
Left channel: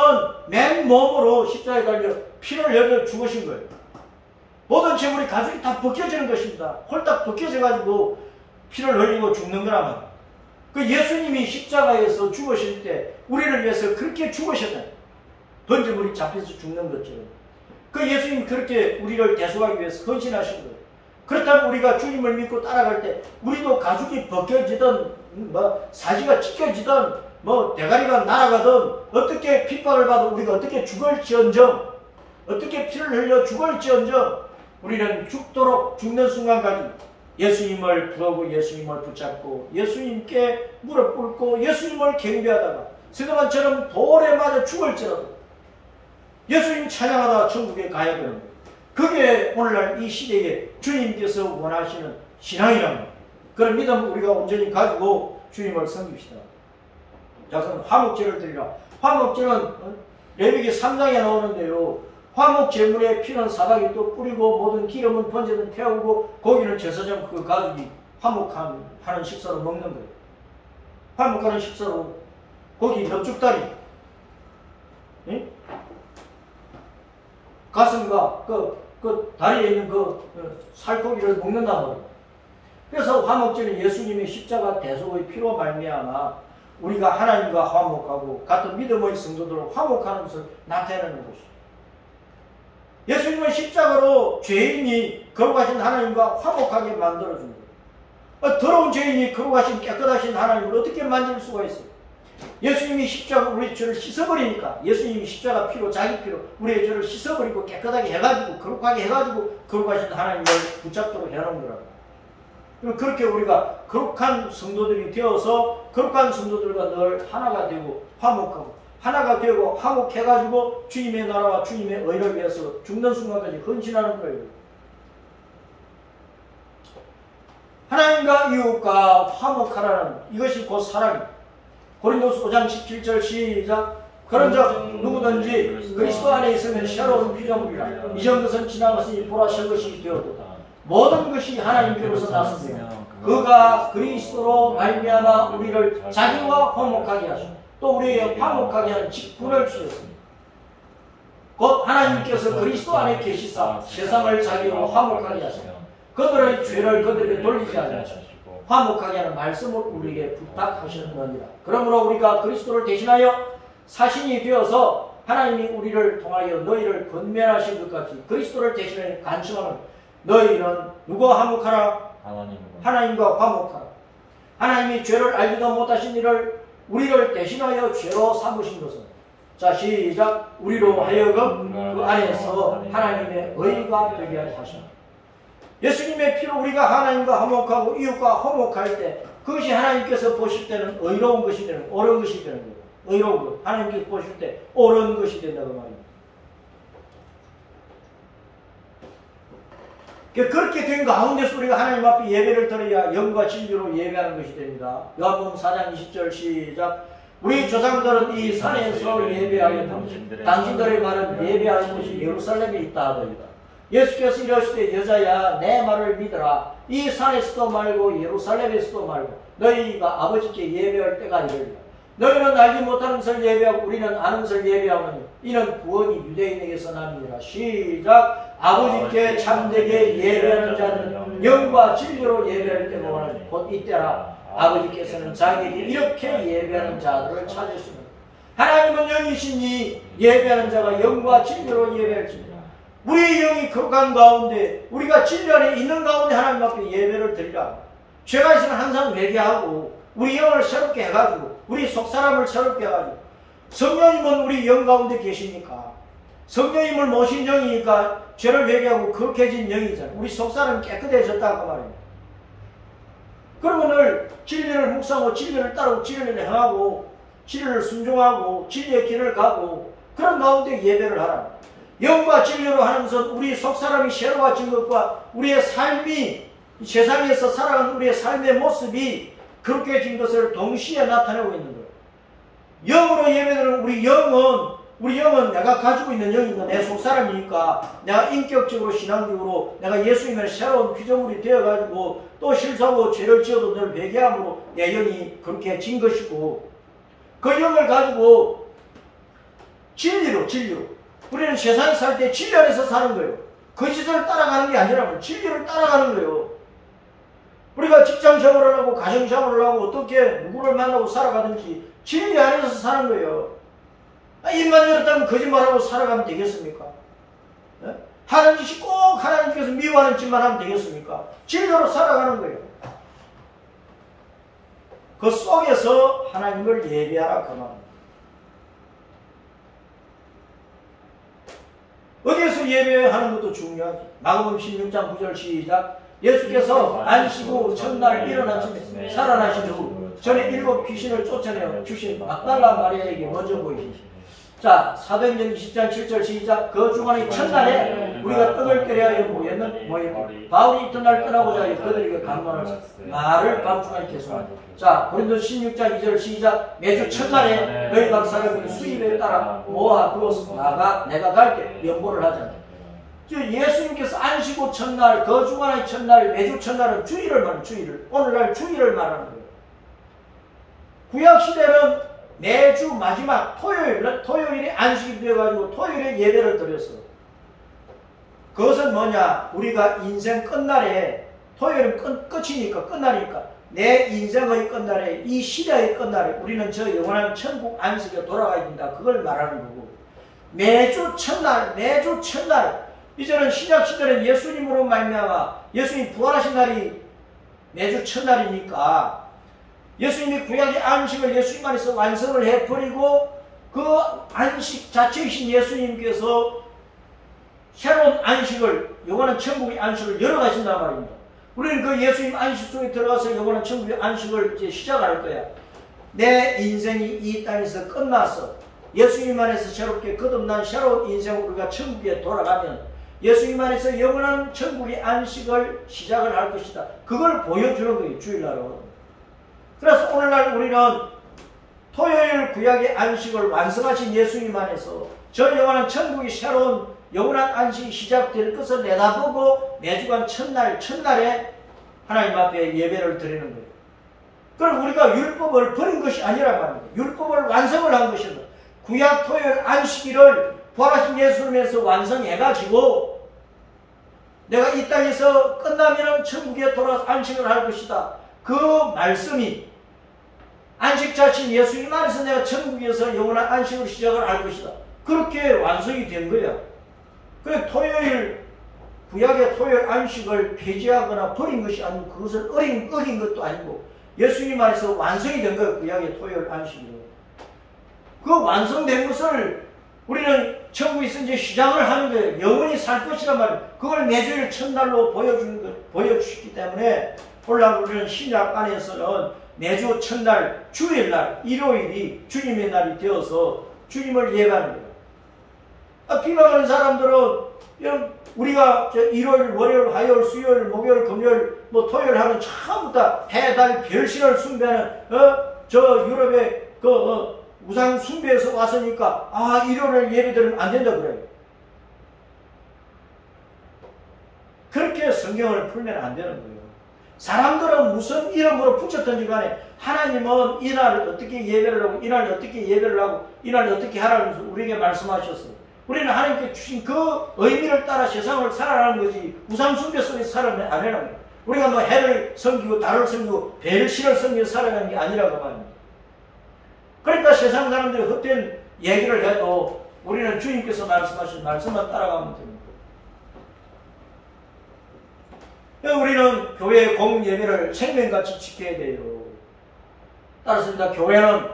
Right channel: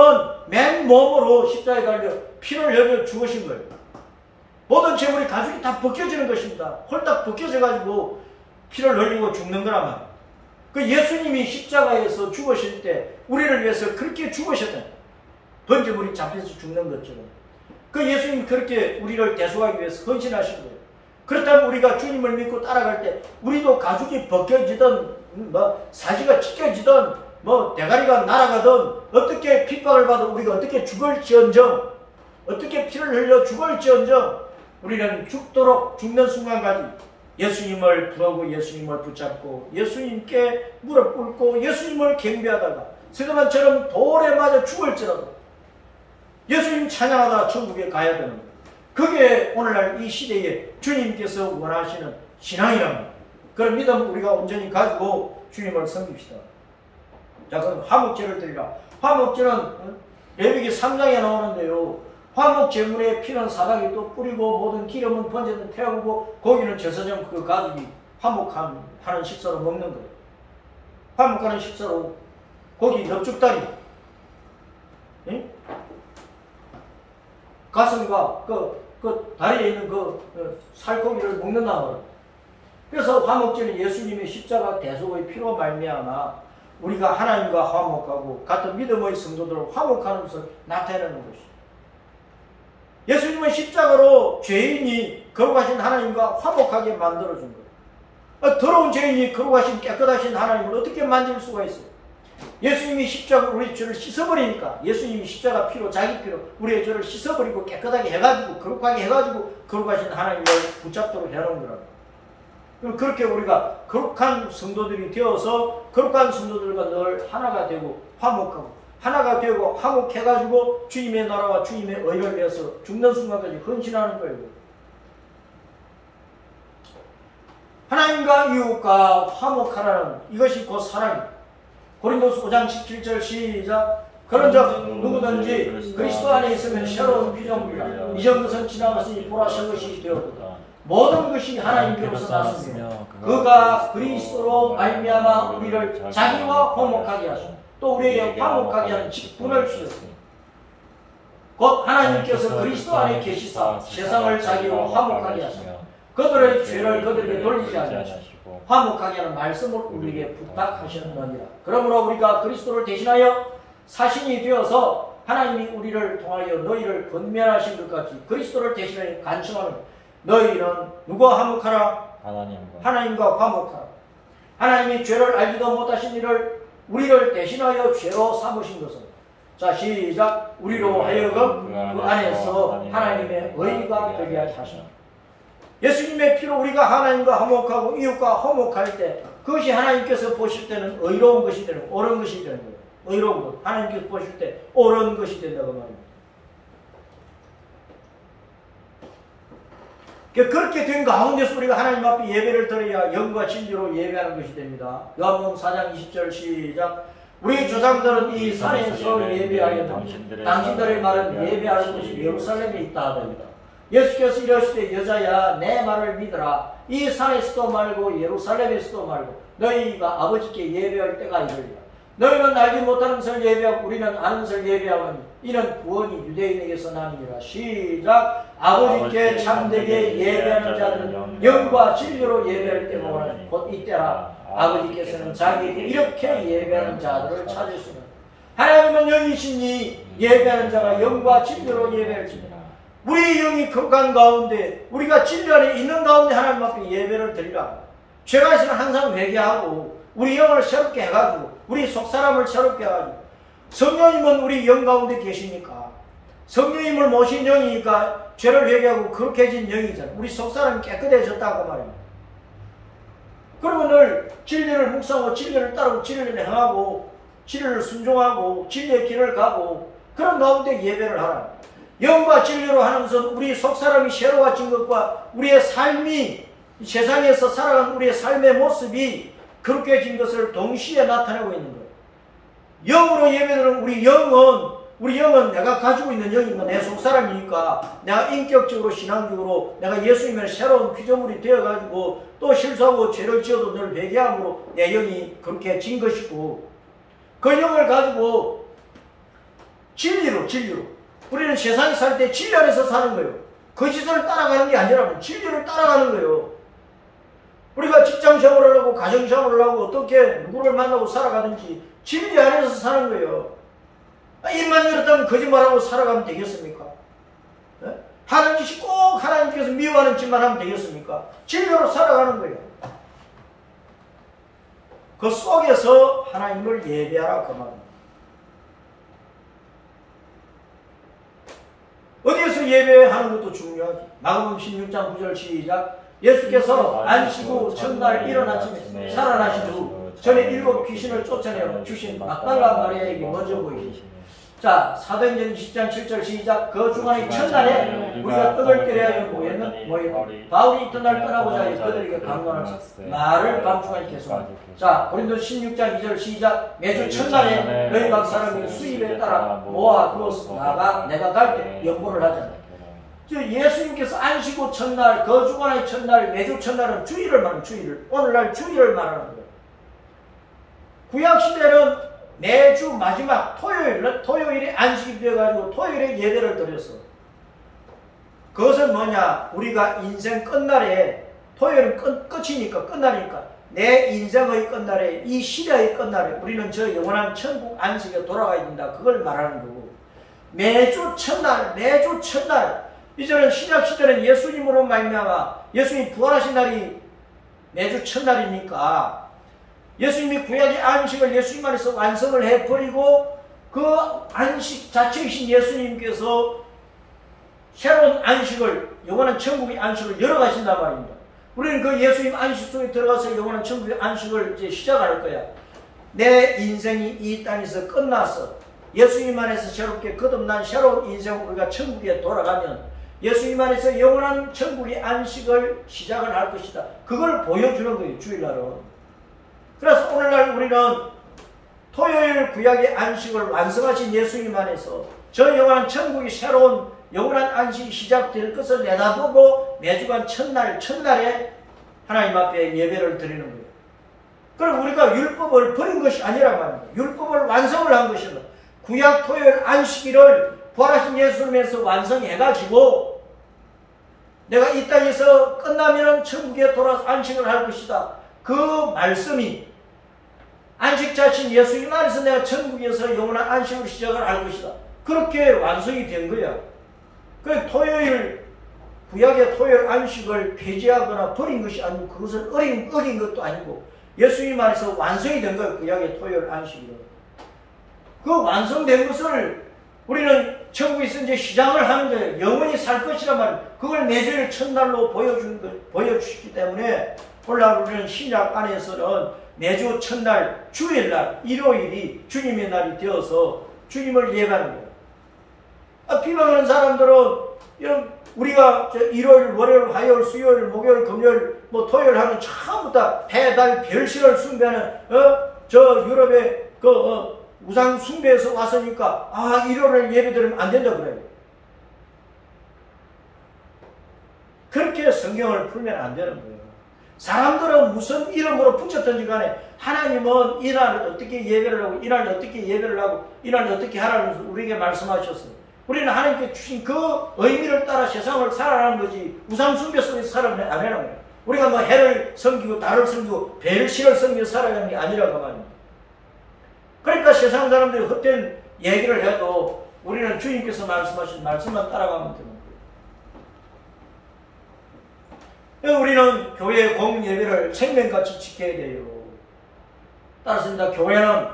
맨몸으로 십자가에 달려 피를 흘려 죽으신 거예요. 모든 재물이 가죽이 다 벗겨지는 것입니다. 홀딱 벗겨져가지고 피를 흘리고 죽는 거란 말이에요. 그 예수님이 십자가에서 죽으실 때 우리를 위해서 그렇게 죽으셨다. 번제물이 잡혀서 죽는 것처럼. 그 예수님이 그렇게 우리를 대속하기 위해서 헌신하신 거예요. 그렇다면 우리가 주님을 믿고 따라갈 때 우리도 가죽이 벗겨지든 사지가 찢겨지든 대가리가 날아가든 어떻게 핍박을 받아 우리가 어떻게 죽을지언정, 어떻게 피를 흘려 죽을지언정 우리는 죽도록 죽는 순간까지 예수님을 부르고 예수님을 붙잡고 예수님께 무릎 꿇고 예수님을 경배하다가 스데반처럼 돌에 맞아 죽을지라도 예수님 찬양하다 천국에 가야 되는 거예요. 그게 오늘날 이 시대에 주님께서 원하시는 신앙이란 말이에요. 그런 믿음을 우리가 온전히 가지고 주님을 섬깁시다. 자, 그럼 화목제를 드리라. 화목제는 레위기 3장에 나오는데요. 화목 제물의 피는 사닥에 또 뿌리고 모든 기름은 번제는 태우고 고기는 제사장 그 가족이 화목하는 식사로 먹는 거예요. 화목하는 식사로 고기 엽죽다리, 가슴과 그 다리에 있는 그 살코기를 먹는단 말이에요. 그래서 화목제는 예수님의 십자가 대속의 피로 말미암아 우리가 하나님과 화목하고 같은 믿음의 성도들을 화목하는 것을 나타내는 것이죠. 예수님은 십자가로 죄인이 거룩하신 하나님과 화목하게 만들어준 거예요. 더러운 죄인이 거룩하신 깨끗하신 하나님을 어떻게 만질 수가 있어요? 예수님이 십자가로 우리의 죄를 씻어버리니까 예수님이 십자가 피로 자기 피로 우리의 죄를 씻어버리고 깨끗하게 해가지고 거룩하게 해가지고 거룩하신 하나님을 붙잡도록 해놓은 거라고. 그럼 그렇게 우리가 거룩한 성도들이 되어서 거룩한 성도들과 늘 하나가 되고 화목하고 하나가 되고 화목해가지고 주님의 나라와 주님의 의를 위해서 죽는 순간까지 헌신하는 거예요. 하나님과 이웃과 화목하라는 이것이 곧 사랑입니다. 고린도서 5장 17절 시작. 그런 적 누구든지 그리스도 안에 있으면 새로운 피조물이라. 이전 것은 지나갔으니 보라 새 것이 되었도다. 모든 것이 하나님께로서 나섰으며 그가 그리스도로 말미암아 우리를 자기와 화목하게 하시고 또 우리에게 화목하게 하는 직분을 주셨습니다. 곧 하나님께서 그리스도 안에 계시사 세상을 자기와 화목하게 하시며 그들의 죄를 그들에게 돌리지 아니하시고 화목하게 하는 말씀을 우리에게 부탁하셨느니라. 그러므로 우리가 그리스도를 대신하여 사신이 되어서 하나님이 우리를 통하여 너희를 권면하신 것 같이 그리스도를 대신하여 간청하는 너희는 누구와 화목하라? 하나님과 화목하라. 하나님이 죄를 알지도 못하신 이를 우리를 대신하여 죄로 삼으신 것은 자 시작. 우리로 하여금 그 안에서 하나님의 의가 되게 하시라. 예수님의 피로 우리가 하나님과 화목하고 이웃과 화목할 때 그것이 하나님께서 보실 때는 의로운 것이 되는 거예요. 옳은 것이 되는 거예요. 의로운 것. 하나님께서 보실 때 옳은 것이 된다고 말입니다. 그렇게 된 가운데서 우리가 하나님 앞에 예배를 드려야 영과 진리로 예배하는 것이 됩니다. 요한복음 4장 20절 시작. 우리 조상들은 이 산에서 예배하였다. 당신들의 말은 예배하는 곳이 예루살렘에 있다 하더이다. 예수께서 이러시되 여자야 내 말을 믿어라. 이 산에서도 말고 예루살렘에서도 말고 너희가 아버지께 예배할 때가 이르리라. 너희는 알지 못하는 것을 예배하고 우리는 아는 것을 예배하오니 이는 구원이 유대인에게서 나니라. 시작. 아버지께 참되게 예배하는 자들은 영과 진리로 예배할 때가 오나니 곧 이때라. 아버지께서는 자기에게 이렇게 예배하는 자들을 찾으시는 하나님은 영이시니 예배하는 자가 영과 진리로 예배할지니라. 우리의 영이 거룩한 가운데 우리가 진리 안에 있는 가운데 하나님 앞에 예배를 드리라. 죄가 있으면 항상 회개하고 우리 영을 새롭게 해가지고 우리 속사람을 새롭게 해가지고 성령님은 우리 영 가운데 계시니까 성령님을 모신 영이니까 죄를 회개하고 거룩해진 영이잖아요. 우리 속사람이 깨끗해졌다고 말입니다. 그러면 늘 진리를 묵상하고 진리를 따르고 진리를 행하고 진리를 순종하고 진리의 길을 가고 그런 가운데 예배를 하라. 영과 진리로 하는 것은 우리 속사람이 새로워진 것과 우리의 삶이 세상에서 살아가는 우리의 삶의 모습이 그렇게 진 것을 동시에 나타내고 있는 거예요. 영으로 예배드리는 우리 영은 내가 가지고 있는 영이니까 내 속사람이니까 내가 인격적으로 신앙적으로 내가 예수님의 새로운 피조물이 되어가지고 또 실수하고 죄를 지어도 늘 회개함으로 내 영이 그렇게 진 것이고 그 영을 가지고 진리로 우리는 세상에 살 때 진리 안에서 사는 거예요. 거짓을 따라가는 게 아니라 진리를 따라가는 거예요. 우리가 직장 생활을 하고 가정 생활을 하고 어떻게 누구를 만나고 살아가든지 진리 안에서 사는 거예요. 입만 열었다면 거짓말하고 살아가면 되겠습니까? 네? 하나님께서 꼭 하나님께서 미워하는 짓만 하면 되겠습니까? 진리로 살아가는 거예요. 그 속에서 하나님을 예배하라 그 말입니다. 어디에서 예배하는 것도 중요하지. 마가복음 16장 9절 시작. 예수께서 안식후 첫날 일어나 아침에 살아나신 후 전에 7 귀신을 쫓아내어 주신 막달라 마리아에게 먼저 보이시지. 자, 사도행전 20장 7절 시작. 그 주간의 첫날에 우리가 떡을 끓여야 모였는 바울이 이튿날 떠나고자 하여 그들에게 강론하사 말을 밤중간에 계속한다. 자, 고린도 16장 2절 시작. 매주 첫날에 너희 각 사람이 수입에 따라 모아 두어서 나가 내가 갈 때 연보를 하잖아요. 예수님께서 안식후 첫날, 그 주간의 첫날, 매주 첫날은 주일을 말하는 주일을, 오늘날 주일을 말하는 거예요. 구약시대는 매주 마지막 토요일에 안식이 되어가지고 토요일에 예배를 드렸어. 그것은 뭐냐? 우리가 인생 끝날에, 토요일은 끝이니까, 끝날이니까, 내 인생의 끝날에, 이 시대의 끝날에 우리는 저 영원한 천국 안식에 돌아가야 된다. 그걸 말하는 거고. 매주 첫날, 이제는 신약시대는 예수님으로 말미암아 예수님 부활하신 날이 매주 첫날이니까 예수님이 구약의 안식을 예수님 안에서 완성을 해버리고 그 안식 자체이신 예수님께서 새로운 안식을, 영원한 천국의 안식을 열어가신단 말입니다. 우리는 그 예수님 안식 속에 들어가서 영원한 천국의 안식을 이제 시작할 거야. 내 인생이 이 땅에서 끝나서 예수님 안에서 새롭게 거듭난 새로운 인생으로 우리가 천국에 돌아가면 예수님 안에서 영원한 천국의 안식을 시작을 할 것이다. 그걸 보여주는 거예요, 주일날은. 그래서 오늘날 우리는 토요일 구약의 안식을 완성하신 예수님 안에서 저 영원한 천국의 새로운 영원한 안식이 시작될 것을 내다보고 매주간 첫날에 하나님 앞에 예배를 드리는 거예요. 그럼 우리가 율법을 버린 것이 아니라 말입니다. 율법을 완성을 한 것입니다. 구약 토요일 안식일을 부활하신 예수님에서 완성해가지고 내가 이 땅에서 끝나면 천국에 돌아서 안식을 할 것이다. 그 말씀이 안식 자신 예수님 안에서 내가 천국에서 영원한 안식으로 시작을 할 것이다. 그렇게 완성이 된 거야. 그 토요일, 구약의 토요일 안식을 폐지하거나 버린 것이 아니고 그것을 어긴 것도 아니고 예수님 안에서 완성이 된 거예요. 구약의 토요일 안식으로. 그 완성된 것을 우리는 천국에서 이제 시작을 하는 거예요. 영원히 살 것이란 말이에요. 그걸 매주일 첫날로 보여주시기 때문에 오늘날 우리는 신약 안에서는 매주 첫날, 주일날, 일요일이 주님의 날이 되어서 주님을 예배하는 거예요. 비방하는 사람들은 우리가 일요일, 월요일, 화요일, 수요일, 목요일, 금요일, 토요일 하면 전부 다 해, 달, 별신을 숭배하는 저 유럽의 우상 숭배에서 왔으니까 일요일을 예배드리면 안 된다 그래요. 그렇게 성경을 풀면 안 되는 거예요. 사람들은 무슨 이름으로 붙였든지 간에 하나님은 이날을 어떻게 예배를 하고 이날 어떻게 예배를 하고 이날 어떻게 하라면서 우리에게 말씀하셨어요. 우리는 하나님께 주신 그 의미를 따라 세상을 살아가는 거지 우상 숭배 속에서 살아가는 게 아니라는 거예요. 우리가 해를 섬기고 달을 섬기고 별신을 섬기고 살아가는 게 아니라고 말입니다. 그러니까 세상 사람들이 헛된 얘기를 해도 우리는 주님께서 말씀하신 말씀만 따라가면 됩니다. 우리는 교회의 공예배를 생명같이 지켜야 돼요. 따라서 교회는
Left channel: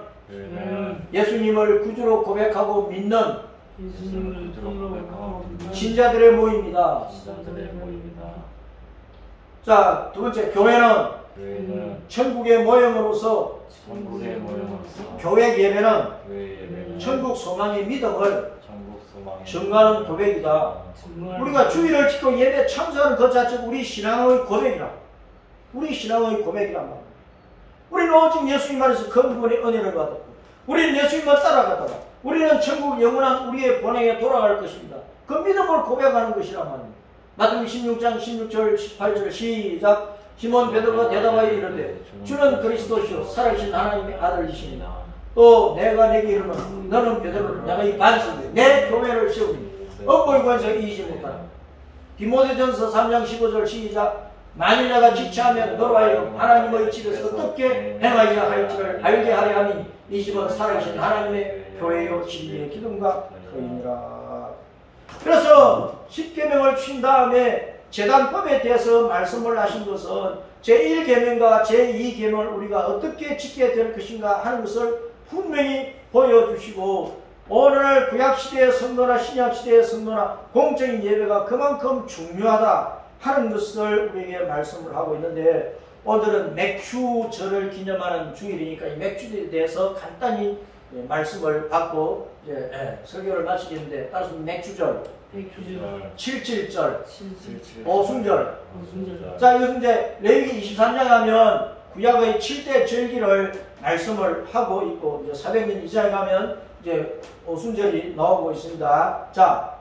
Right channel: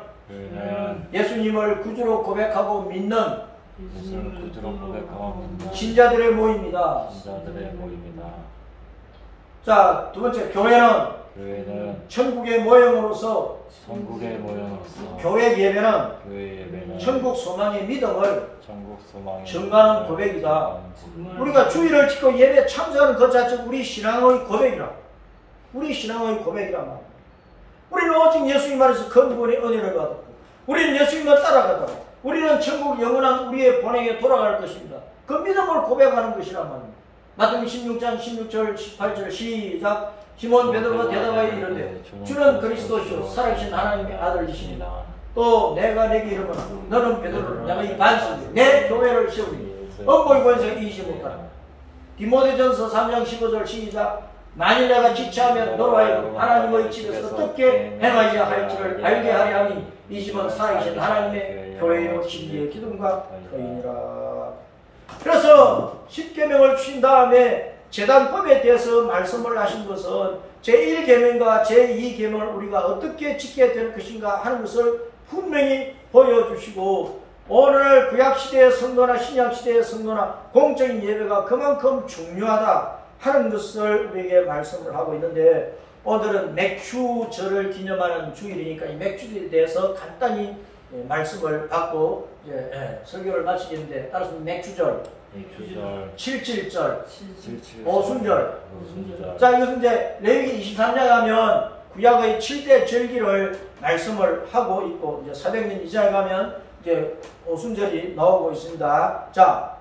예수님을 구주로 고백하고 믿는 신자들의 모임이다. 자, 두 번째, 교회는 천국의 모형으로서 교회 예배는 천국 소망의 믿음을 증거하는 고백이다. 우리가 주일을 지키고 예배 참석하는 것 자체가 우리 신앙의 고백이라. 우리 신앙의 고백이란 말이야. 우리는 오직 예수님 안에서 그분의 은혜를 받았고, 우리는 예수님만 따라가다가 우리는 천국 영원한 우리의 본행에 돌아갈 것입니다. 그 믿음을 고백하는 것이란 말입니다. 마태복음 16장 16절 18절 시작. 시몬 베드로가 대답하여 이르되 주는 그리스도시요 살아계신 하나님의 아들이십니다. 또 내가 내게 이르노라 너는 베드로라 내가 이 반석에 내 교회를 세우리니 억골 권세가 이기지 못하리라. 디모데전서 3장 15절 시작. 만일 내가 지체하면 너로 하여금 하나님의 집에서 어떻게 행하여야 할지를 알게 하려 하니 이 집은 살아계신 하나님의 교회요 진리의 기둥과 터이니라. 그래서 십계명을 주신 다음에 제단법에 대해서 말씀을 하신 것은 제1계명과 제2계명을 우리가 어떻게 지켜야 될 것인가 하는 것을 분명히 보여주시고, 오늘날 구약시대의 성도나 신약시대의 성도나 공적인 예배가 그만큼 중요하다 하는 것을 우리에게 말씀을 하고 있는데, 오늘은 맥주절을 기념하는 주일이니까 이 맥주에 대해서 간단히 말씀을 받고 설교를 마치겠는데, 따라서 맥주절, 77절, 오순절. 자, 이것은 이제 레위기 23장 하면 구약의 7대 절기를 말씀을 하고 있고, 이제 400년 이상에 가면 이제 오순절이 나오고 있습니다. 자,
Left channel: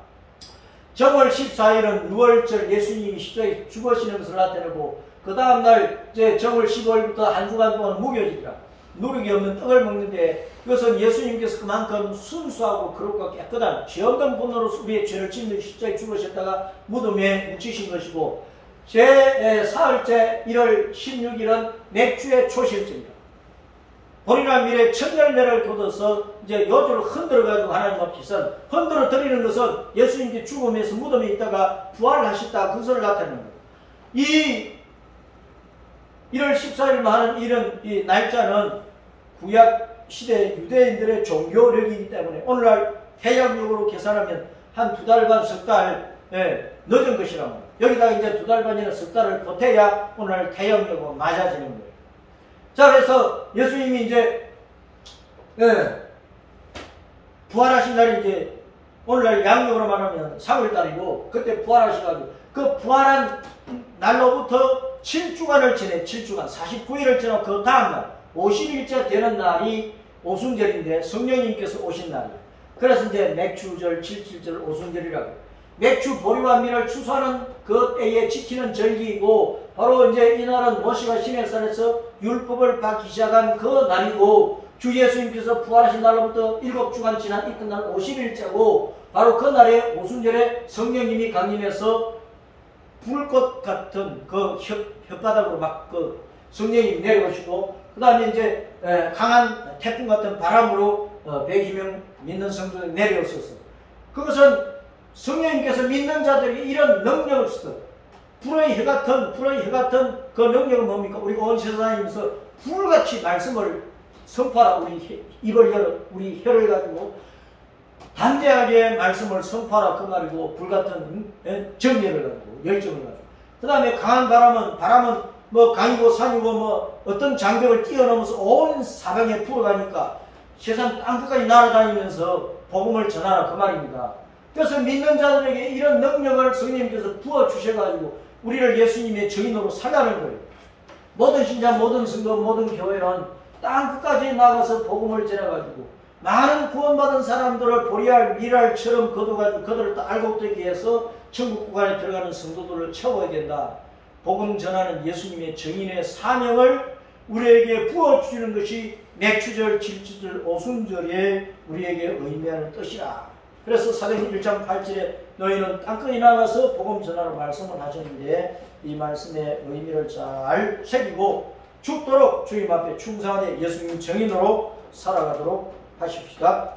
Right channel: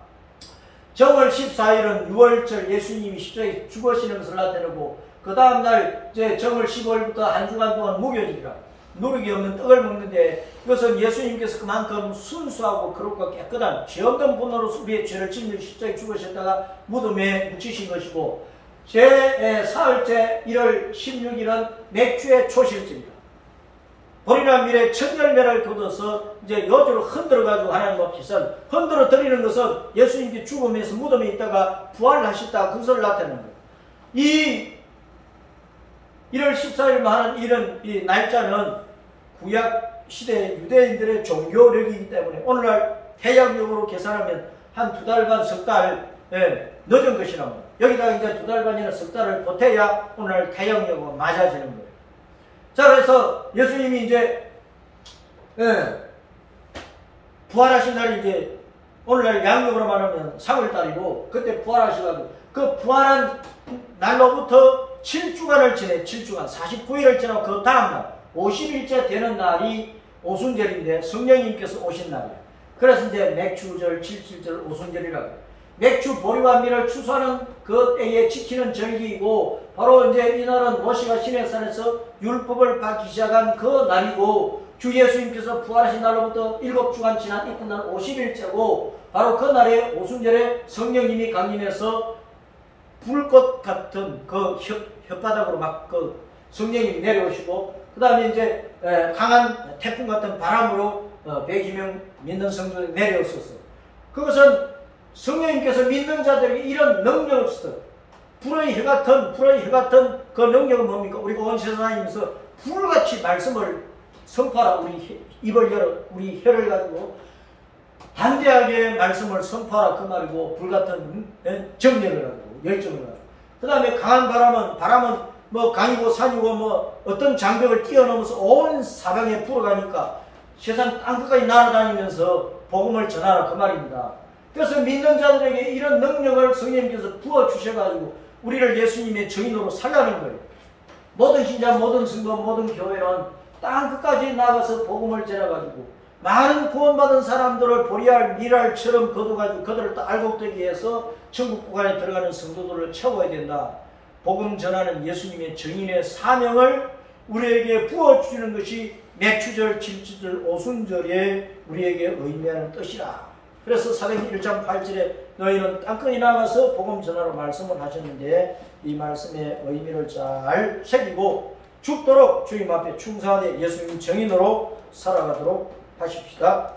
정월 14일은 6월절 예수님이 십자가에 죽으시는 것을 나타내고, 그 다음날 이제 정월 15일부터 한 주간 동안 무교절이라 누룩이 없는 떡을 먹는데, 이것은 예수님께서 그만큼 순수하고 거룩하고 깨끗한 죄 없는 분으로서 우리의 죄를 짓는 십자가에 죽으셨다가 무덤에 묻히신 것이고, 제 사흘째 1월 16일은 맥주의 초실절입니다. 보리나 밀에 첫 열매를 거둬서 이제 여주로 흔들어가지고 하나님 앞에서 흔들어 드리는 것은 예수님께 죽음에서 무덤에 있다가 부활하셨다 그것을 나타내는 거예요. 이 1월 14일만 하는 이런 이 날짜는 구약 시대 유대인들의 종교력이기 때문에 오늘날 태양력으로 계산하면 한 2달 반, 석 달 늦은 것이란 말이에요. 여기다가 이제 2달 반이나 석 달을 보태야 오늘날 태양력으로 맞아지는 거예요. 자, 그래서 예수님이 이제 부활하신 날이 이제 오늘날 양력으로 말하면 3월달이고, 그때 부활하셔가지고 그 부활한 날로부터 7주간을 지내 7주간 49일을 지나고 그 다음날 50일째 되는 날이 오순절인데 성령님께서 오신 날이에요. 그래서 이제 맥주절, 77절, 오순절이라고 해요. 맥주 보리와 밀을 추수하는 그 때에 지키는 절기이고, 바로 이제 이날은 모세가 시내산에서 율법을 받기 시작한 그 날이고, 주 예수님께서 부활하신 날로부터 7주간 지난 이튿날 50일째고, 바로 그 날에 오순절에 성령님이 강림해서 불꽃 같은 그 혓바닥으로 막 그 성령님이 내려오시고, 그 다음에 이제 강한 태풍 같은 바람으로 120명 믿는 성도들이 내려왔었어요. 그것은 성령님께서 믿는 자들에게 이런 능력을 주셨어요. 불의 혀 같은 그 능력은 뭡니까? 우리가 온 세상에서 불같이 말씀을 선포하라. 우리 입을 열어, 우리 혀를 가지고 담대하게 말씀을 선포하라 그 말이고, 불같은 정력을 가지고, 열정을 가지고. 그 다음에 강한 바람은 뭐 강이고 산이고 뭐 어떤 장벽을 뛰어넘어서 온 사방에 불어가니까 세상 땅끝까지 날아다니면서 복음을 전하라 그 말입니다. 그래서 믿는 자들에게 이런 능력을 성령님께서 부어주셔가지고 우리를 예수님의 증인으로 살라는 거예요. 모든 신자, 모든 성도, 모든 교회는 땅끝까지 나가서 복음을 전해가지고 많은 구원받은 사람들을 보리알, 미랄처럼 거둬가지고 그들을 또 알곡되기 위해서 천국 구간에 들어가는 성도들을 채워야 된다. 복음 전하는 예수님의 증인의 사명을 우리에게 부어주시는 것이 맥주절, 질주절, 오순절에 우리에게 의미하는 뜻이라. 그래서 사도행전 1장 8절에 너희는 땅끝에 나가서 복음 전하러 말씀을 하셨는데, 이 말씀의 의미를 잘 새기고 죽도록 주님 앞에 충성하되 예수님 증인으로 살아가도록 하십시다.